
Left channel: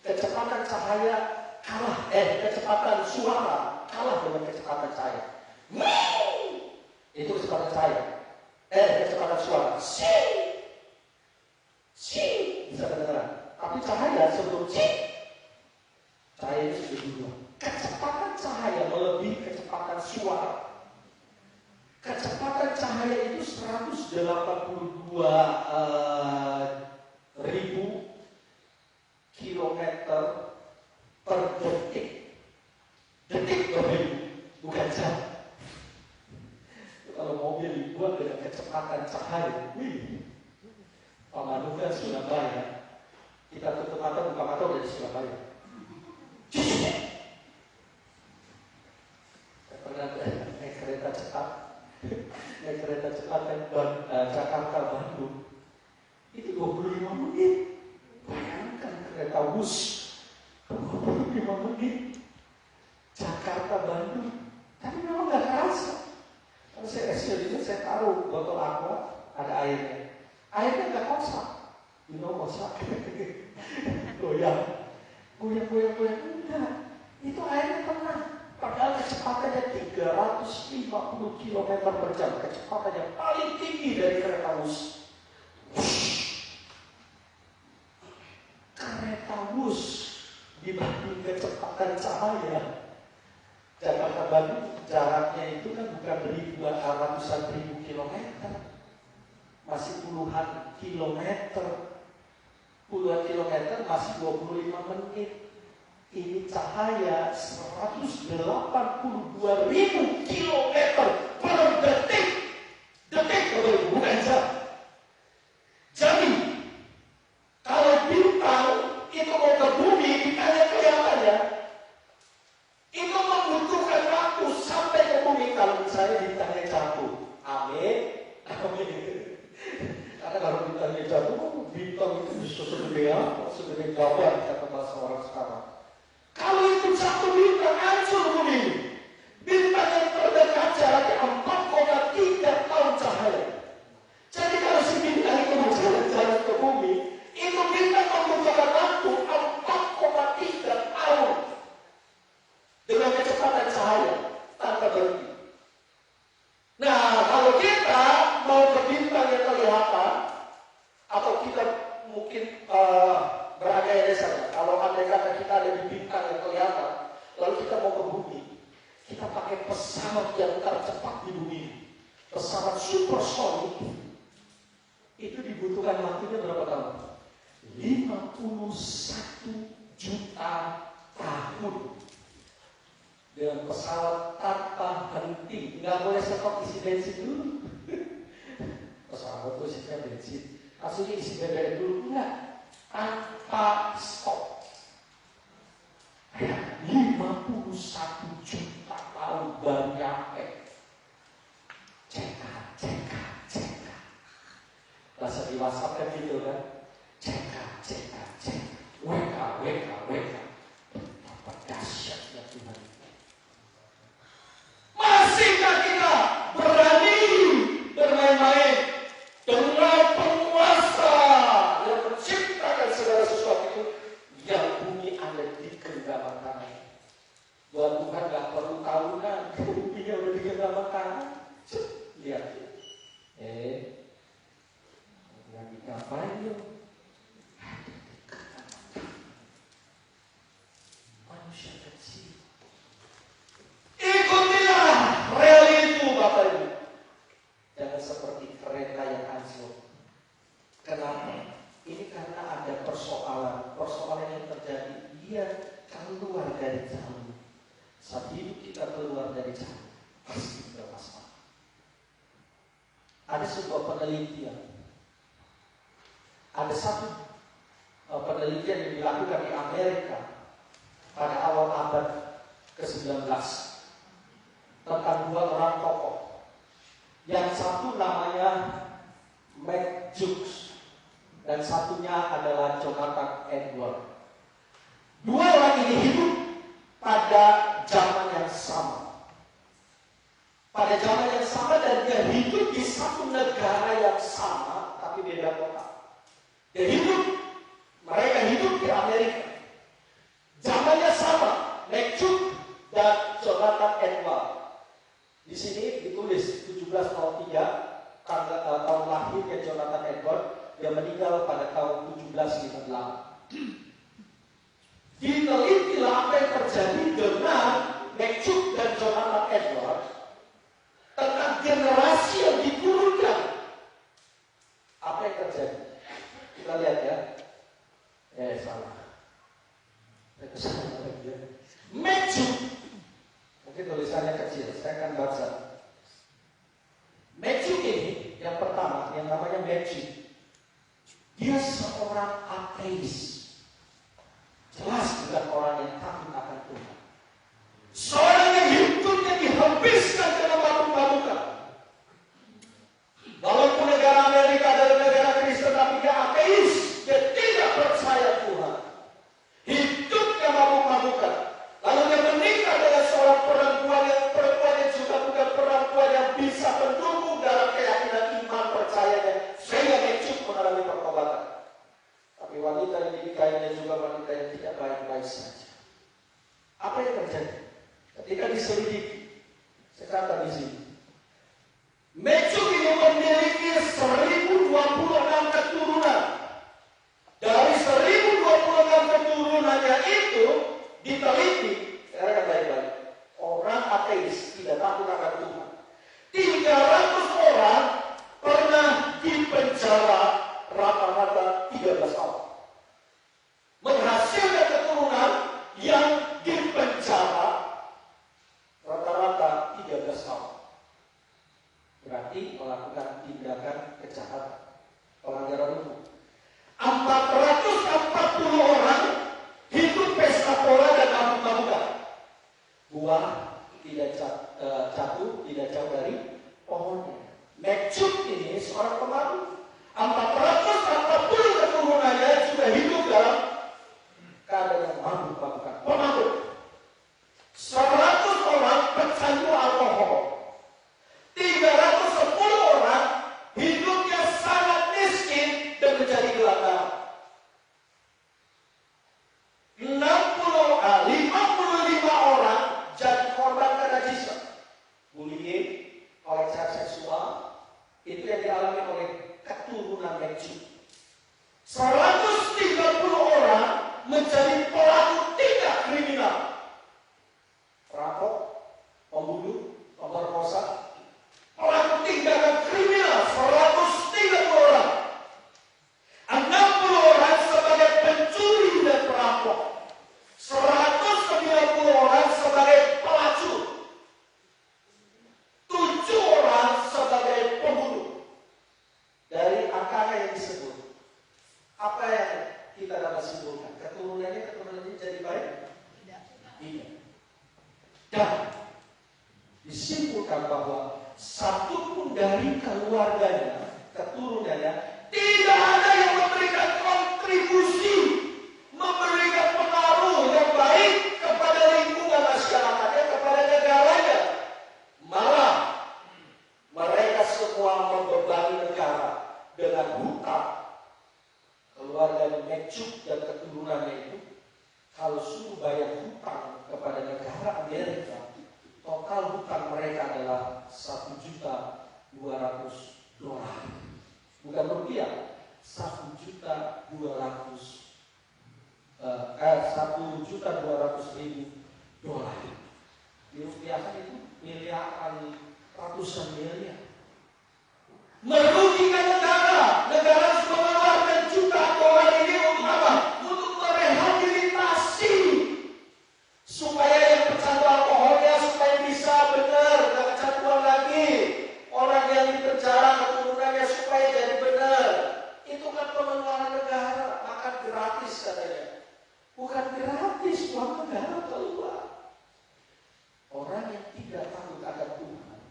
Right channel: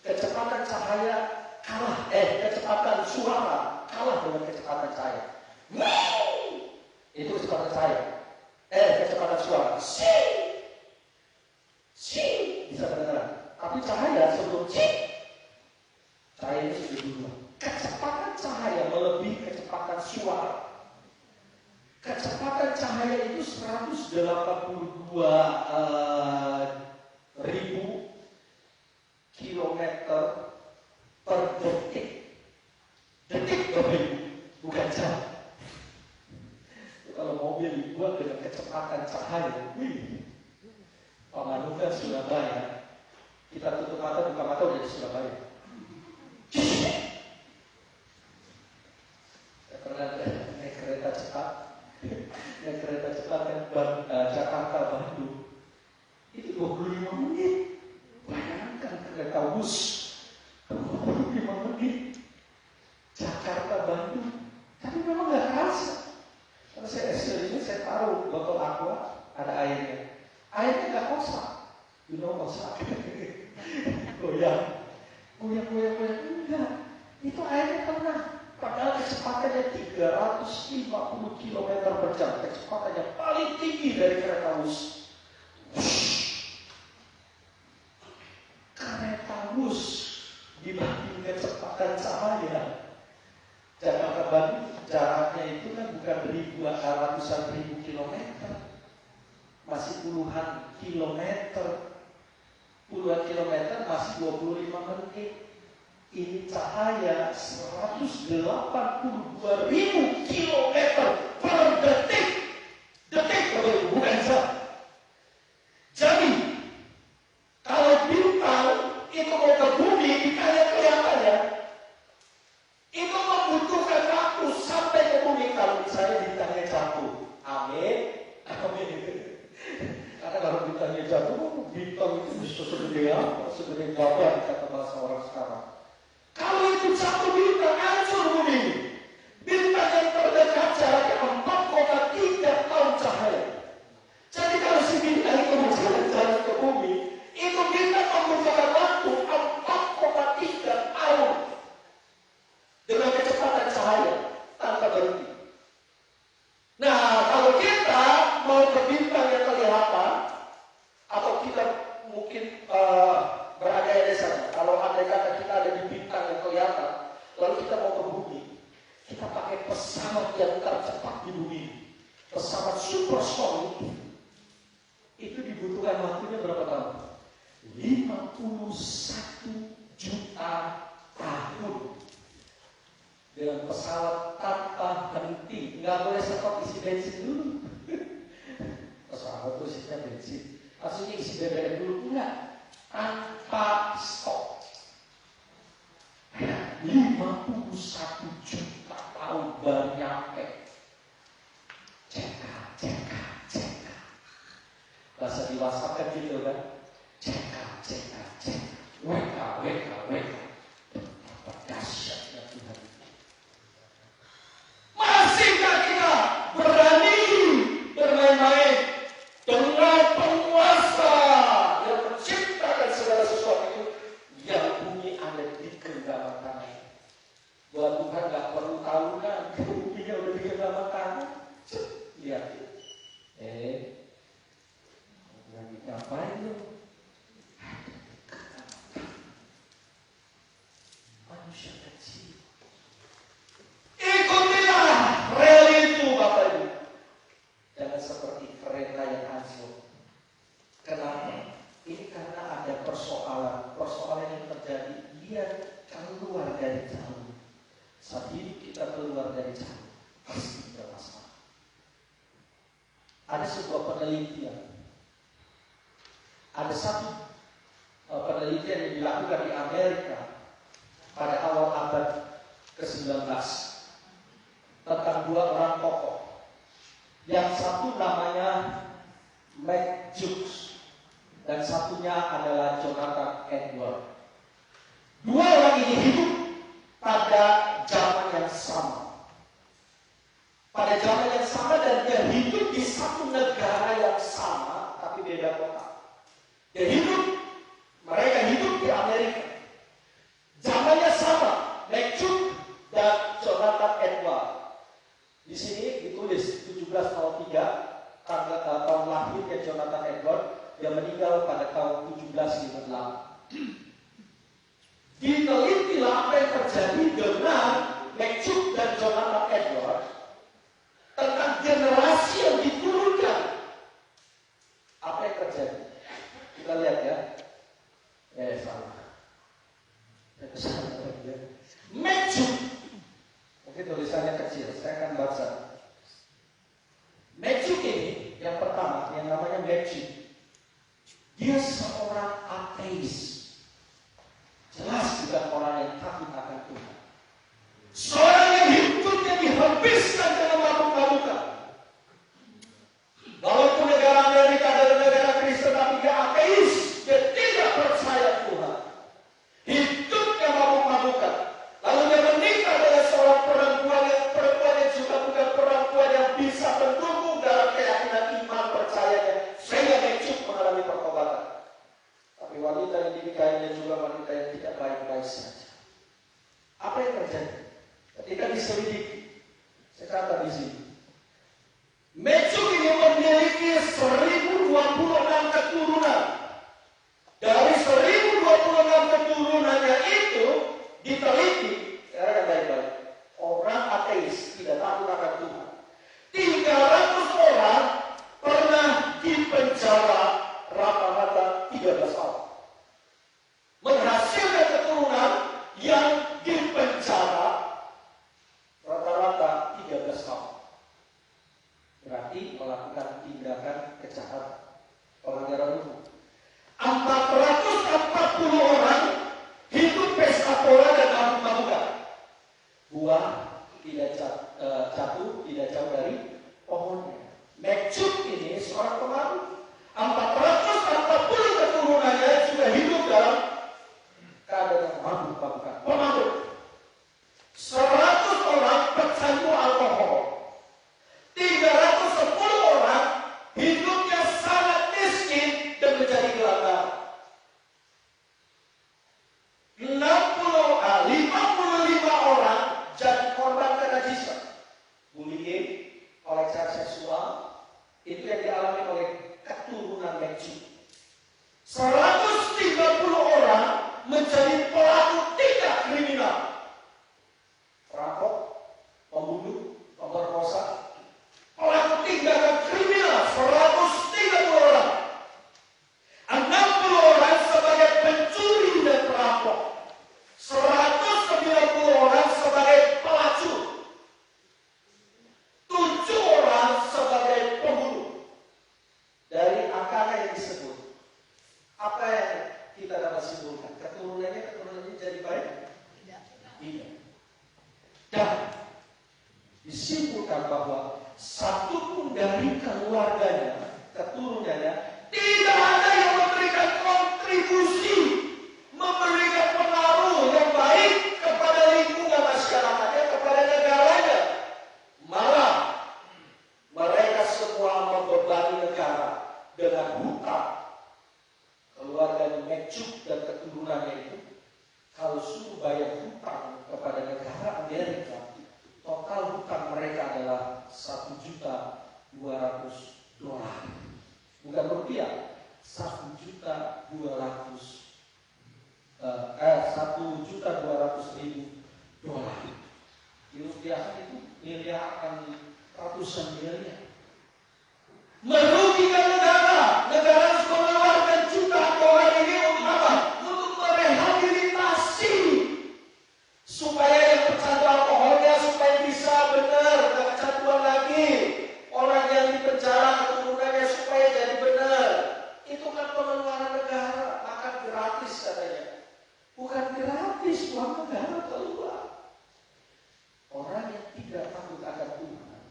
Kecepatan cahaya kalah, kecepatan suara kalah dengan kecepatan cahaya. Itu kecepatan cahaya. Kecepatan suara. Bisa kedengaran. Tapi cahaya sebelum cahaya itu sudah dulu. Kecepatan cahaya melebihi kecepatan suara. Kecepatan cahaya itu 182.000 kilometer per detik. Detik bukan jam. Kalau mobil dibuat dengan kecepatan cahaya, Pak Manu kan Surabaya. Kita tutup mata, buka mata udah di Surabaya. Pernah naik kereta cepat. Naik kereta cepat kan Jakarta Bandung. Itu 25 menit. Bayangkan kereta bus 25 menit. Jakarta Bandung. Tapi memang nggak kerasa. Kalau saya SD itu saya taruh botol aqua, ada airnya. Airnya nggak kosak. Kosak. Goyang. Enggak. Itu airnya tenang. Padahal kecepatannya 350 km per jam. Kecepatannya paling tinggi dari kereta bus. Kereta bus dibanding kecepatan cahaya. Jakarta Bandung jaraknya itu kan bukan ratusan ribu kilometer, masih puluhan kilometer. Puluhan kilometer masih 25 menit. Ini cahaya 182.000 kilometer per detik. Detik bukan jam. Jadi kalau bintang itu mau ke bumi, kayak kelihatannya itu membutuhkan waktu sampai ke bumi kalau misalnya bintangnya jatuh. Amin. Karena kalau bintangnya jatuh, bumi bintang itu bisa segede apa? Segede badan kata bahasa orang sekarang. Kalau itu satu bintang, hancur bumi ini. Bintang yang terdekat jaraknya 4,3 tahun cahaya. Jadi kalau si bintang itu berjalan-jalan ke bumi, itu bintang membutuhkan waktu 4,3 tahun dengan kecepatan cahaya tanpa berhenti. Nah, kalau kita mau ke bintang yang kelihatan, atau kita mungkin berandai di sana, kalau andai kata kita ada di bintang yang kelihatan, lalu kita mau ke bumi, kita pakai pesawat yang tercepat di bumi, pesawat supersonik, itu dibutuhkan waktunya berapa tahun? 51 juta tahun. Dengan pesawat tanpa henti, nggak boleh stop isi bensin dulu. Pesawat itu isinya bensin, maksudnya isi BBM dulu, enggak, tanpa stop. 51 juta tahun baru nyampe. Cek. Bahasa di WhatsApp kan gitu kan, cek. Weka. Dahsyatnya Tuhan. Masihkah kita berani bermain-main dengan penguasa yang menciptakan segala sesuatu itu yang bumi ada di genggaman tangan? Buat Tuhan gak perlu tahunan, buminya udah di genggaman tangan. Lihat, lagi ngapain ya? Manusia kecil. Ikutilah rel itu, Bapak Ibu. Jangan seperti kereta yang hancur. Kenapa? Ini karena ada persoalan yang terjadi. Dia keluar dari jalur. Saat hidup kita keluar dari jalur, pasti bermasalah. Ada sebuah penelitian. Ada satu penelitian yang dilakukan di Amerika pada awal abad ke-19 tentang dua orang tokoh. Yang satu namanya Matt Jukes dan satunya adalah Jonathan Edwards. Dua orang ini hidup pada zaman yang sama. Pada zaman yang sama dan dia hidup di satu negara yang sama tapi beda kota. Mereka hidup di Amerika. Zamannya sama, Matt Jukes dan Jonathan Edwards. Di sini ditulis 1703 tahun lahirnya Jonathan Edwards, dia meninggal pada tahun 1756. Ditelitilah apa yang terjadi dengan Matt Jukes dan Jonathan Edwards tentang generasi yang diturunkan. Apa yang terjadi? Kita lihat ya. Salah. Matt Jukes, mungkin tulisannya kecil, saya akan baca. Matt Jukes ini, yang pertama, yang namanya Matt Jukes, dia seorang ateis. Jelas bukan orang yang takut akan Tuhan. Seorang yang hidupnya dihabiskan dengan mabuk-mabukan. Walaupun negara Amerika adalah negara Kristen, tapi dia ateis, dia tidak percaya Tuhan. Hidupnya mabuk-mabukan. Lalu dia menikah dengan seorang perempuan yang juga bukan perempuan yang bisa mendukung dalam keyakinan iman percayanya, sehingga dia cukup mengalami pertobatan. Tapi wanita yang dinikahinya juga wanita yang tidak baik-baik saja. Apa yang terjadi? Ketika diselidiki, sekarang di sini, Matt Jukes ini memiliki 1026 keturunan. Dari 1026 keturunannya itu diteliti, sekarang baik-baik, orang ateis tidak takut akan Tuhan. 300 orang pernah dipenjara rata-rata 13 tahun. Menghasilkan keturunan yang dipenjara rata-rata Meksyuk. 130 orang menjadi pelaku tindak kriminal. Perampok, pembunuh, pemerkosa, pelaku tindakan kriminal 130 orang. 60 orang sebagai pencuri dan perampok. 190 orang sebagai pelacur. 7 orang sebagai pembunuh. Dari angka yang disebut, apa yang kita dapat simpulkan? Keturunannya jadi baik? Tidak. Dan disimpulkan bahwa satu pun dari keluarganya, keturunannya, tidak ada yang memberikan kontribusi, memberikan pengaruh yang baik kepada lingkungan masyarakatnya, kepada negaranya. Malah mereka semua membebani negara dengan hutang. Keluarga Meksyuk dan keturunannya itu, kalau suruh bayar hutang kepada negara Amerika, total hutang mereka adalah $1.200.000. Bukan rupiah, $1.200.000. Dirupiahkan itu miliaran, ratusan miliar. Merugikan negara sudah mengeluarkan jutaan dolar ini untuk apa? Untuk merehabilitasi supaya yang pecandu alkoholnya supaya bisa benar, tidak kecanduan lagi. Orang yang di penjara keturunannya supaya jadi benar. Itu kan pengeluaran negara, makan gratis katanya. Bukan gratis, uang negara keluar. Orang yang tidak takut akan Tuhan,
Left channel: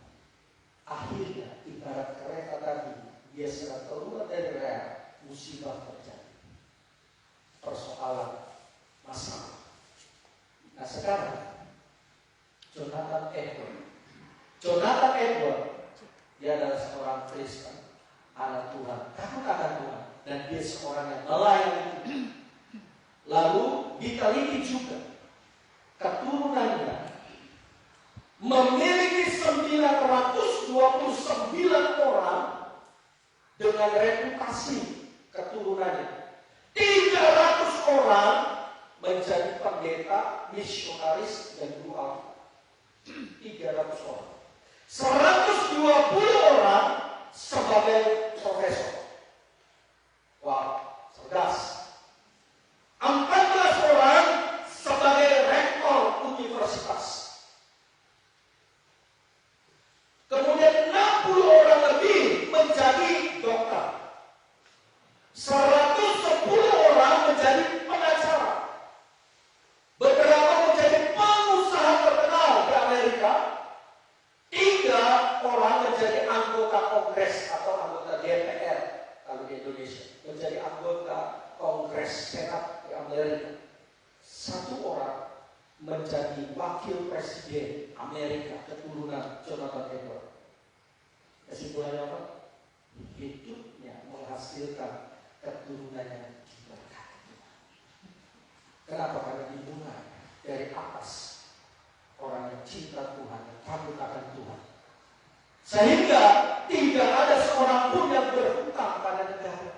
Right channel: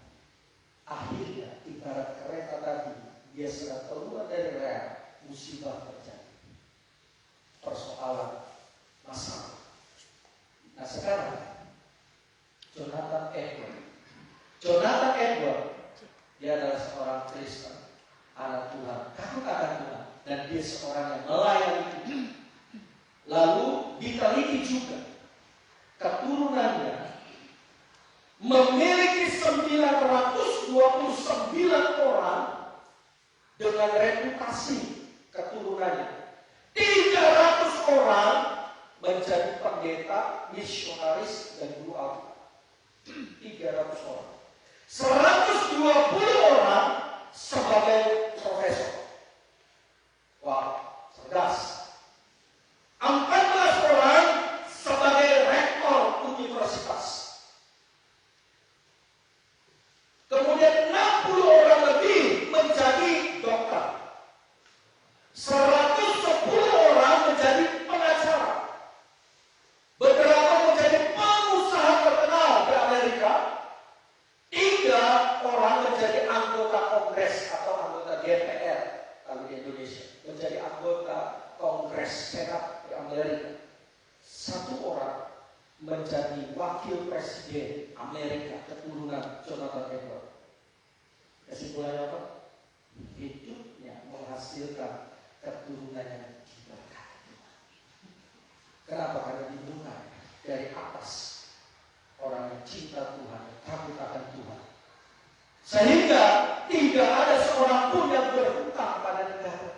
akhirnya ibarat kereta tadi, dia sudah keluar dari rel, musibah terjadi. Persoalan masalah. Nah sekarang Jonathan Edward, dia adalah seorang Kristen, anak Tuhan, takut akan Tuhan, dan dia seorang yang melayani Tuhan. Lalu diteliti juga keturunannya memiliki 929 orang dengan reputasi keturunannya. 300 orang menjadi pendeta, misionaris, dan guru. 300 orang. 120 orang sebagai profesor. Wow, cerdas. 14 orang sebagai rektor universitas. Kemudian 60 orang lebih menjadi dokter. 110 orang menjadi pengacara. Beberapa menjadi pengusaha terkenal di Amerika. 3 orang menjadi anggota Kongres atau anggota DPR kalau di Indonesia. Menjadi anggota Kongres Senat di Amerika. 1 orang menjadi wakil presiden Amerika keturunan Jonathan Edward. Kesimpulannya apa? Hidupnya menghasilkan keturunan yang diberkati. Kenapa? Karena dimulai dari atas, orang yang cinta Tuhan, takut akan Tuhan. Sehingga tidak ada seorang pun yang berhutang pada negara.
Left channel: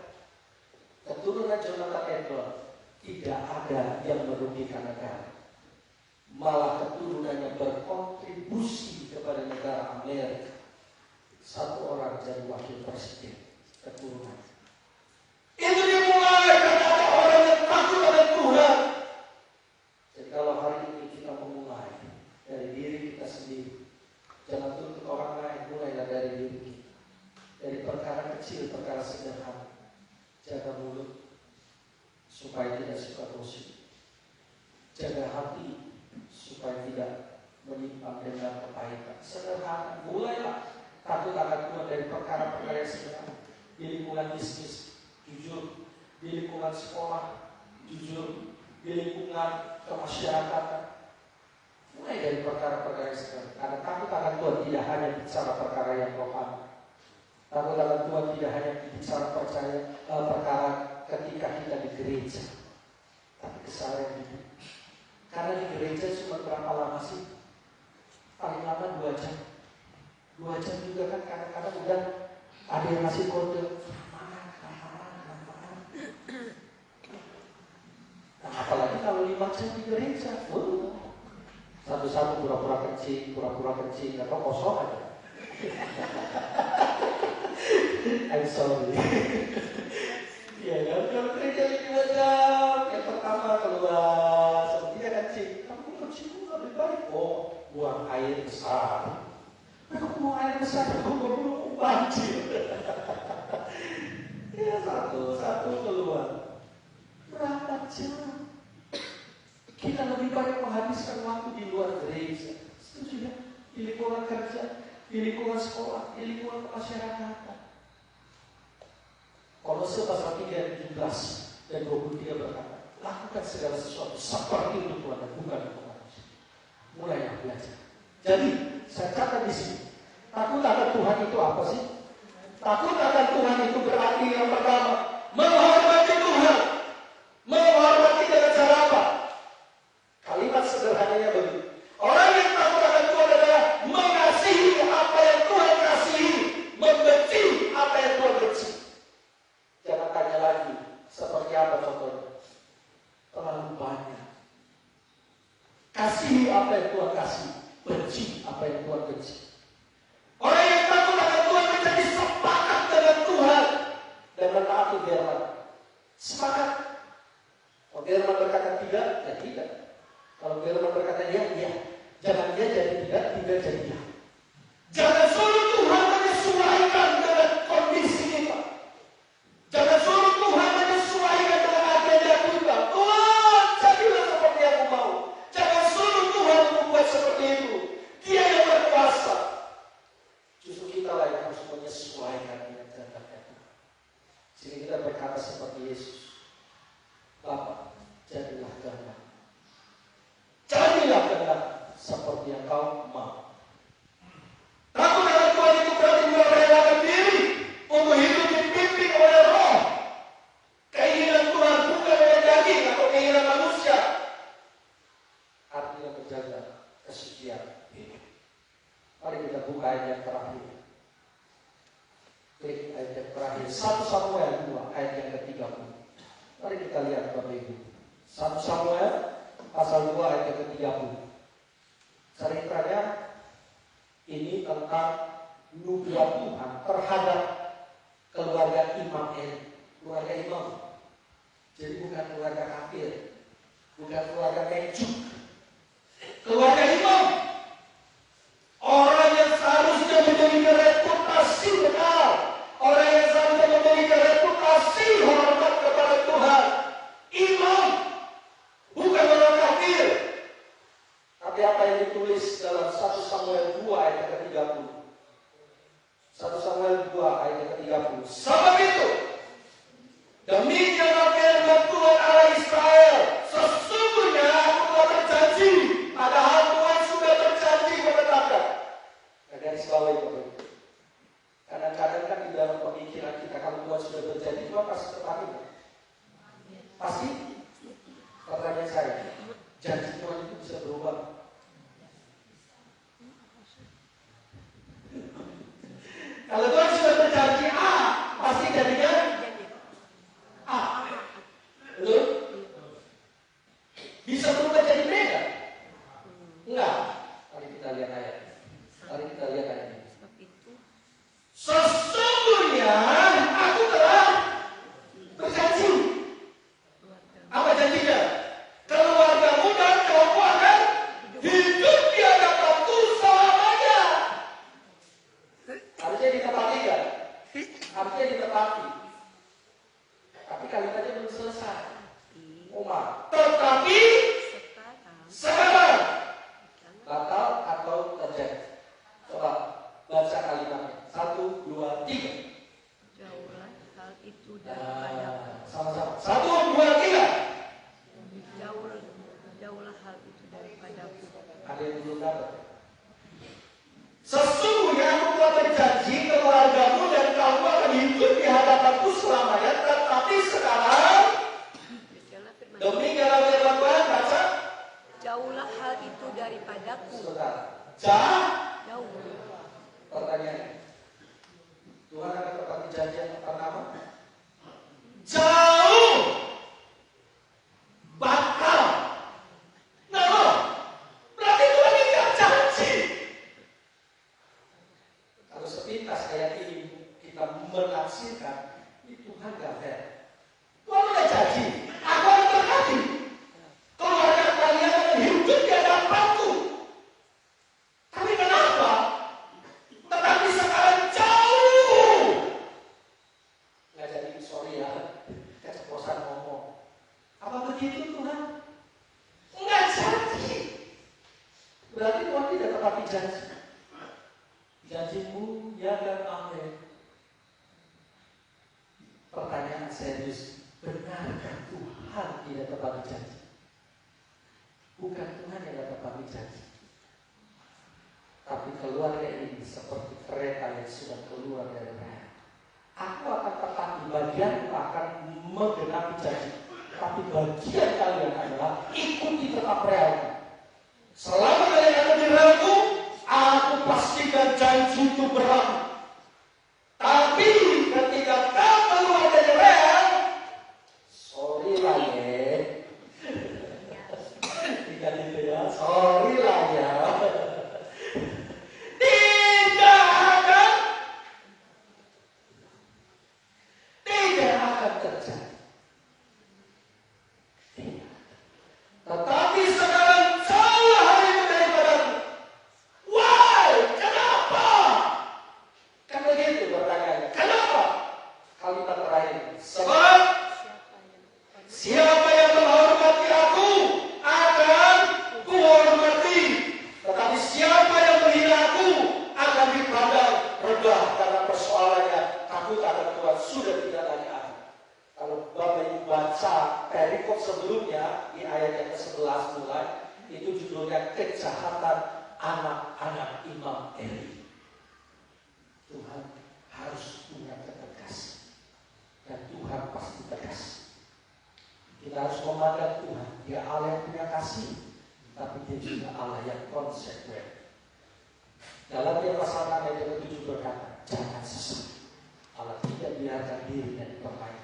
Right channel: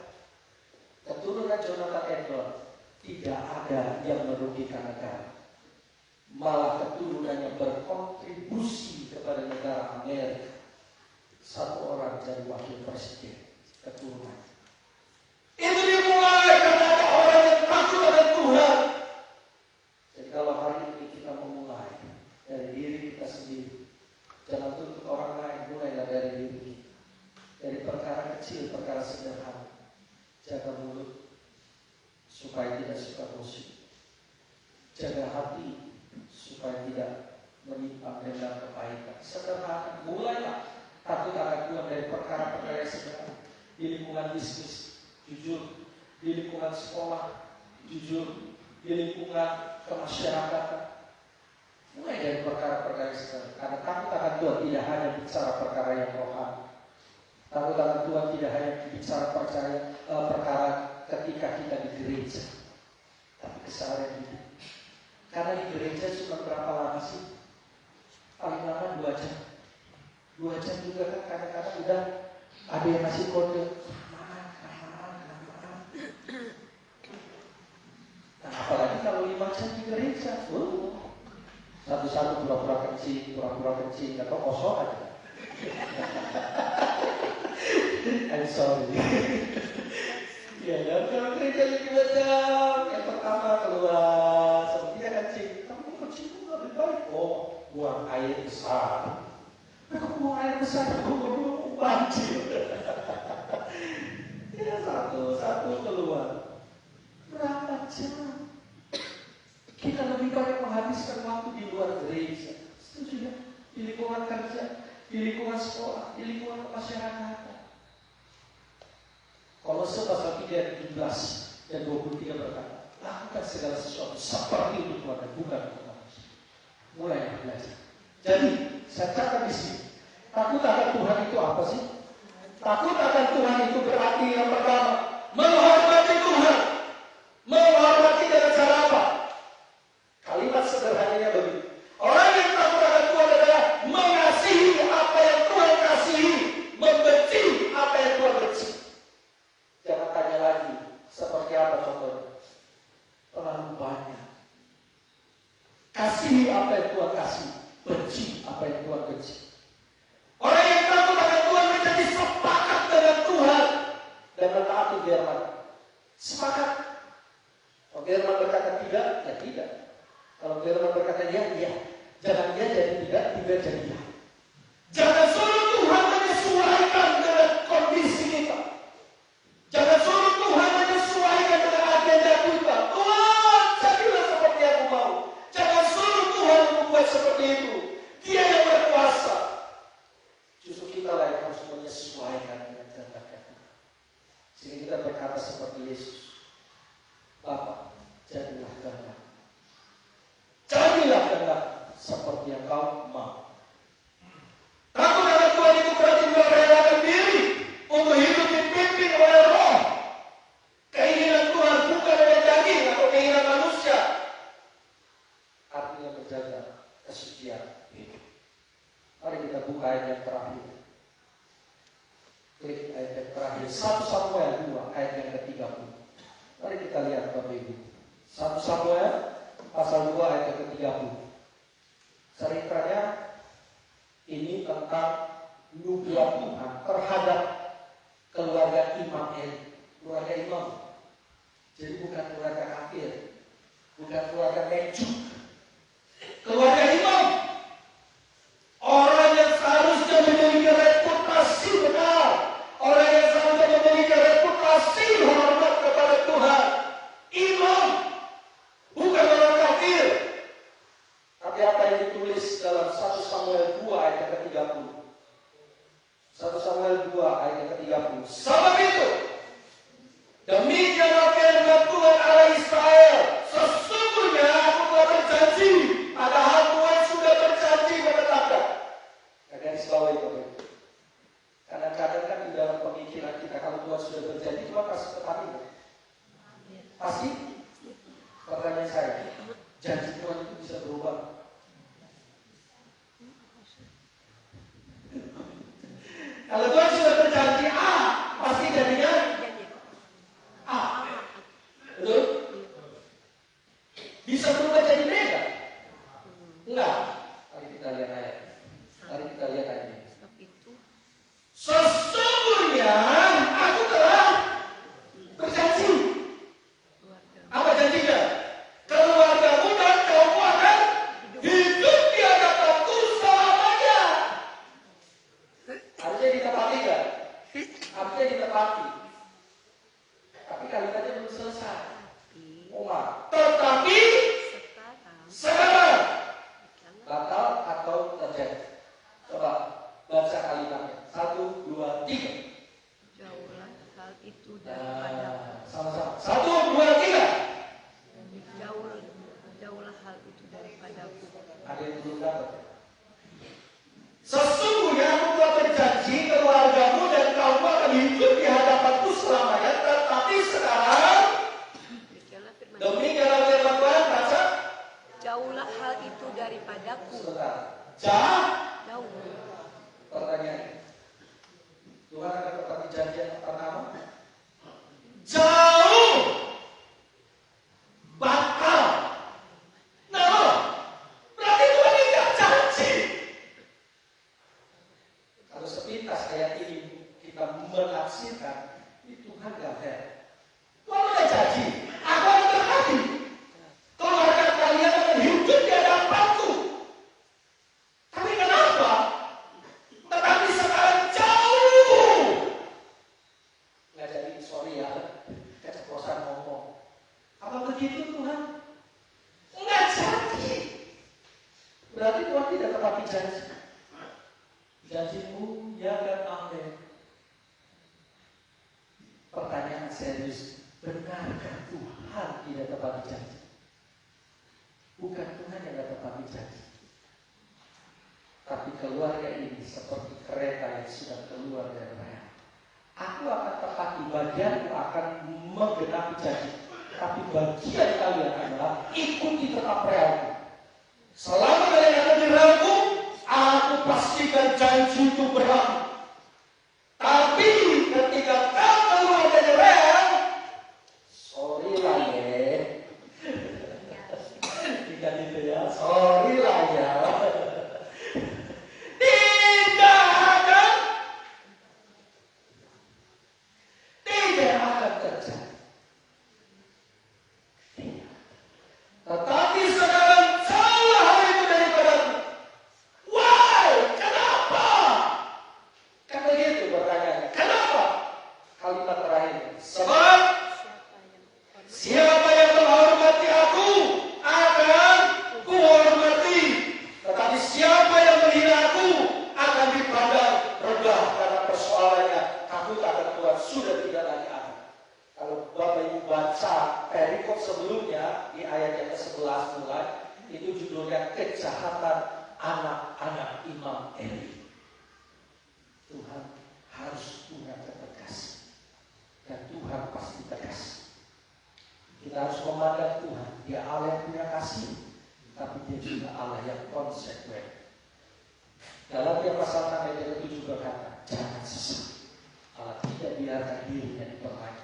Keturunan Jonathan Edward tidak ada yang merugikan negara. Malah keturunannya berkontribusi kepada negara Amerika. 1 orang jadi wakil presiden keturunan. Itu dimulai karena ada orang yang takut akan Tuhan. Jadi kalau hari ini kita memulai dari diri kita sendiri, jangan tuntut orang lain, mulailah dari diri kita. Dari perkara kecil, perkara sederhana. Jaga mulut supaya tidak suka gosip. Jaga hati supaya tidak menimpa dengan kebaikan. Sederhana, mulailah takut akan Tuhan dari perkara-perkara yang sederhana. Di lingkungan bisnis, jujur. Di lingkungan sekolah, jujur. Di lingkungan kemasyarakatan. Mulai dari perkara-perkara yang sederhana. Karena takut akan Tuhan tidak hanya bicara perkara yang rohani. Takut akan Tuhan tidak hanya bicara perkara ketika kita di gereja, tapi kesalahan hidup. Karena di gereja cuma berapa lama sih? Paling lama 2 jam. 2 jam juga kan kadang-kadang udah ada yang ngasih kode. remaja di gereja. Satu-satu pura-pura kencing, apa kosong aja. I'm sorry. Ya, kalau gereja lebih banyak, yang pertama keluar, sepertinya kencing. Tapi kencing itu lebih baik. Buang air besar. Kalau buang air besar, buang banjir. Ya, satu-satu keluar. Berapa jam? Kita lebih banyak menghabiskan waktu di luar gereja. Setuju ya? Di lingkungan kerja, di lingkungan sekolah, di lingkungan masyarakat. Kolose pasal 3 ayat 17 dan 23 berkata, lakukan segala sesuatu seperti untuk Tuhan dan bukan untuk manusia. Mulai belajar. Jadi, saya catat di sini. Takut akan Tuhan itu apa sih? Takut akan Tuhan itu berarti yang pertama, menghormati Tuhan. Menghormati dengan cara apa? Kalimat sederhananya begini. Orang yang takut akan Tuhan adalah mengasihi apa yang Tuhan kasihi, membenci apa yang Tuhan benci. Jangan tanya lagi, seperti apa contohnya? Terlalu banyak. Kasihi apa yang Tuhan kasih, benci apa yang Tuhan benci. Orang yang takut akan Tuhan menjadi sepakat dengan Tuhan dan mentaati firman. Sepakat. Kalau firman berkata tidak, ya tidak. Kalau firman berkata ya, ya. Jangan dia jadi tidak jadi ya. Jangan suruh Tuhan menyesuaikan dengan kondisi kita. Jangan suruh Tuhan menyesuaikan dengan agenda kita. Tuhan, jadilah seperti yang aku mau. Jangan suruh Tuhan membuat seperti itu. Dia yang berkuasa. Justru kita lah yang harus menyesuaikan dengan kehendak kita. Sehingga kita berkata seperti Yesus. Bapa, jadilah kehendak. Jadilah kehendak seperti yang kau mau. Takut akan Tuhan itu berarti merelakan diri untuk hidup dipimpin oleh Roh. Keinginan Tuhan bukan oleh daging atau keinginan manusia. Artinya menjaga kesucian hidup. Mari kita buka ayat yang terakhir. Klik ayat yang terakhir. 1 Samuel 2 ayat yang ke-30. Mari kita lihat Bapak Ibu. 1 Samuel pasal 2 ayat yang ke-30. Ceritanya ini tentang nubuat Tuhan terhadap keluarga Imam Eli. Keluarga Imam. Jadi bukan keluarga kafir. Bukan keluarga Nejuk. Keluarga Imam. Orang yang seharusnya memiliki reputasi benar. Orang yang seharusnya memiliki reputasi hormat kepada Tuhan. Imam. Bukan orang kafir. Tapi apa yang ditulis dalam 1 Samuel 2 ayat ke-30. 1 Samuel 2 ayat ke-30. Sebab itu, demikianlah firman Tuhan Allah Israel. Sesungguhnya aku telah berjanji, padahal Tuhan sudah berjanji menetapkan. Garis bawah itu. Kadang-kadang kan di dalam pemikiran kita, kalau Tuhan sudah berjanji, Tuhan pasti tetapi. Pasti. Pertanyaan saya, janji Tuhan itu bisa berubah. Kalau Tuhan sudah berjanji A, pasti jadinya A. Betul? Bisa berubah jadi B nggak? Enggak. Mari kita lihat ayat. Mari kita lihat ayat. Sesungguhnya aku telah berjanji. Apa janjinya? Keluargamu dan kaummu akan hidup di hadapanku selamanya. Harusnya ditepati kan? Harusnya ditepati. Tapi kalimatnya belum selesai. Umar. Tetapi sekarang batal atau terjadi? Coba baca kalimatnya. 1, 2, 3. Jauhlah hal itu daripada sama-sama. 1, 2, 3. Jauhlah hal itu daripadaku. Ada yang belum dapat. Sesungguhnya aku telah berjanji keluargamu dan kaummu akan hidup di hadapanku selamanya. Tetapi sekarang demikianlah firman Tuhan, baca. Jauhlah hal itu daripadaku. Jauh. Jauh. Pertanyaan. Tuhan akan tetapi janji yang pertama. Jauh. Bakal Benarkah Tuhan tidak tepati janji? Bukan Tuhan yang tidak tepati janji, tapi keluarga ini seperti kereta yang sudah keluar dari rel. Aku akan tepati bagian, akan menggenapi janji, tapi bagian kalian adalah ikuti tetap relku. Selama kalian ada di relku, aku pastikan janji itu berlaku. Tapi ketika kau keluar dari rel, sorry lah ya, tidak gitu ya, sorry lah ya, tidak akan terjadi. Tetapi sekarang jauhlah hal itu daripadaku. Why? Kenapa? Karena gitu pertanyaannya. Kenapa? Kalimat terakhir. Sebab siapa yang menghormati aku akan kuhormati. Tetapi siapa yang menghina aku akan dipandang rendah. Karena persoalannya takut akan Tuhan sudah tidak lagi ada. Kalau Bapak Ibu baca perikop sebelumnya di ayat yang ke-11 mulai, itu judulnya kejahatan anak-anak Imam Eli. Tuhan harus punya ketegasan, dan Tuhan pasti tegas. Kita harus memandang Tuhan, Dia Allah yang punya kasih, tapi Dia juga Allah yang konsekuen. Dalam pasal 6 ayat 7 berkata, jangan sesat. Allah tidak biarkan dirinya dipermainkan.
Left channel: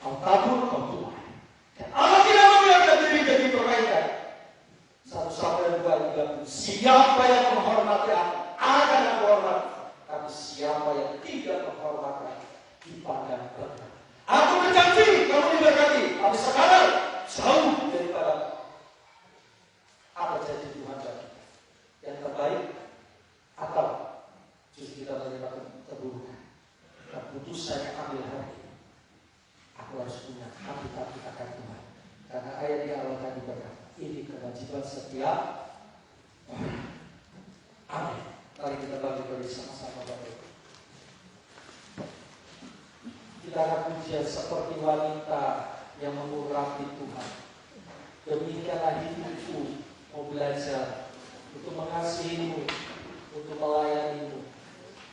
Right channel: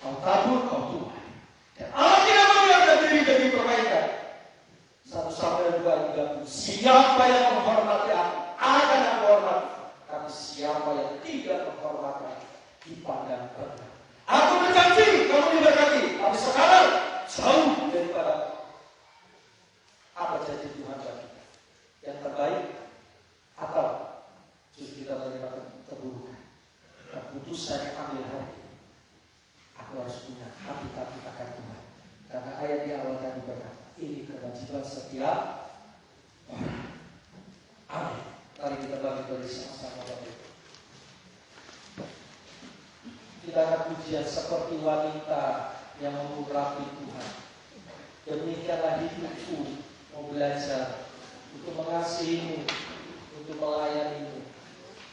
Kau tabur, kau tuai. Dan Allah tidak membiarkan dirinya dipermainkan. 1 Samuel 2:30. Siapa yang menghormati aku akan aku hormati. Tapi siapa yang tidak menghormati dipandang rendah. Aku berjanji, kamu diberkati. Tapi sekarang jauh daripada apa janji Tuhan bagi kita? Yang terbaik atau justru kita menerima keburukan? Dan putusan yang ambil hari ini, aku harus punya hati-hati akan Tuhan. Karena ayat di awal tadi berkata, ini kewajiban setiap orang. Amin. Mari kita bagi bersama-sama Bapak Ibu. Kita akan pujian seperti wanita yang mengurapi Tuhan. Demikianlah hidupku, mau belajar untuk mengasihimu, untuk melayanimu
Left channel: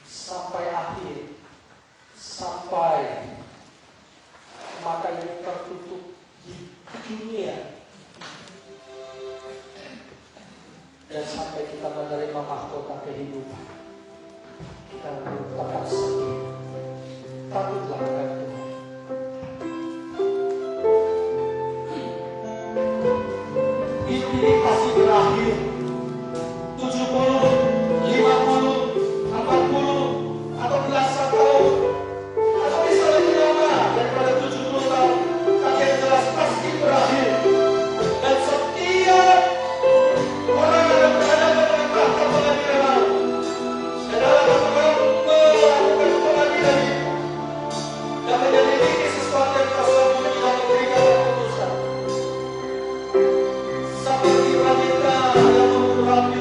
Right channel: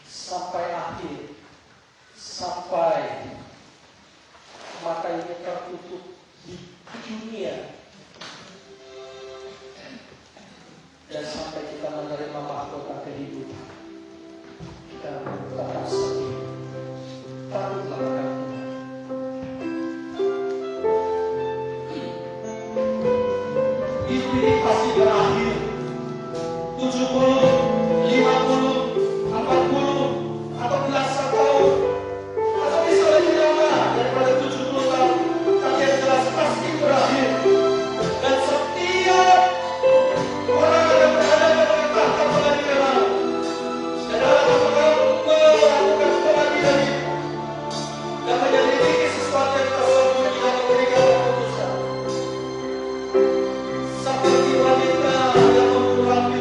sampai akhir, sampai mata ini tertutup di dunia, dan sampai kita menerima mahkota kehidupan. Kita tetap setia, takutlah akan Tuhan. Hidup ini pasti berakhir. 70, 50, 40, atau belasan tahun, atau bisa lebih lama daripada 70 tahun. Tapi yang jelas pasti berakhir. Dan setiap orang yang berhadapan menikahkan pengadilan, dan dalam orang melakukan pengadilan itu, dan menyelidiki sesuatu yang tersembunyi dan memberikan keputusan. Seperti wanita yang mengurapi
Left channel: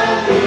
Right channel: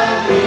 Amin.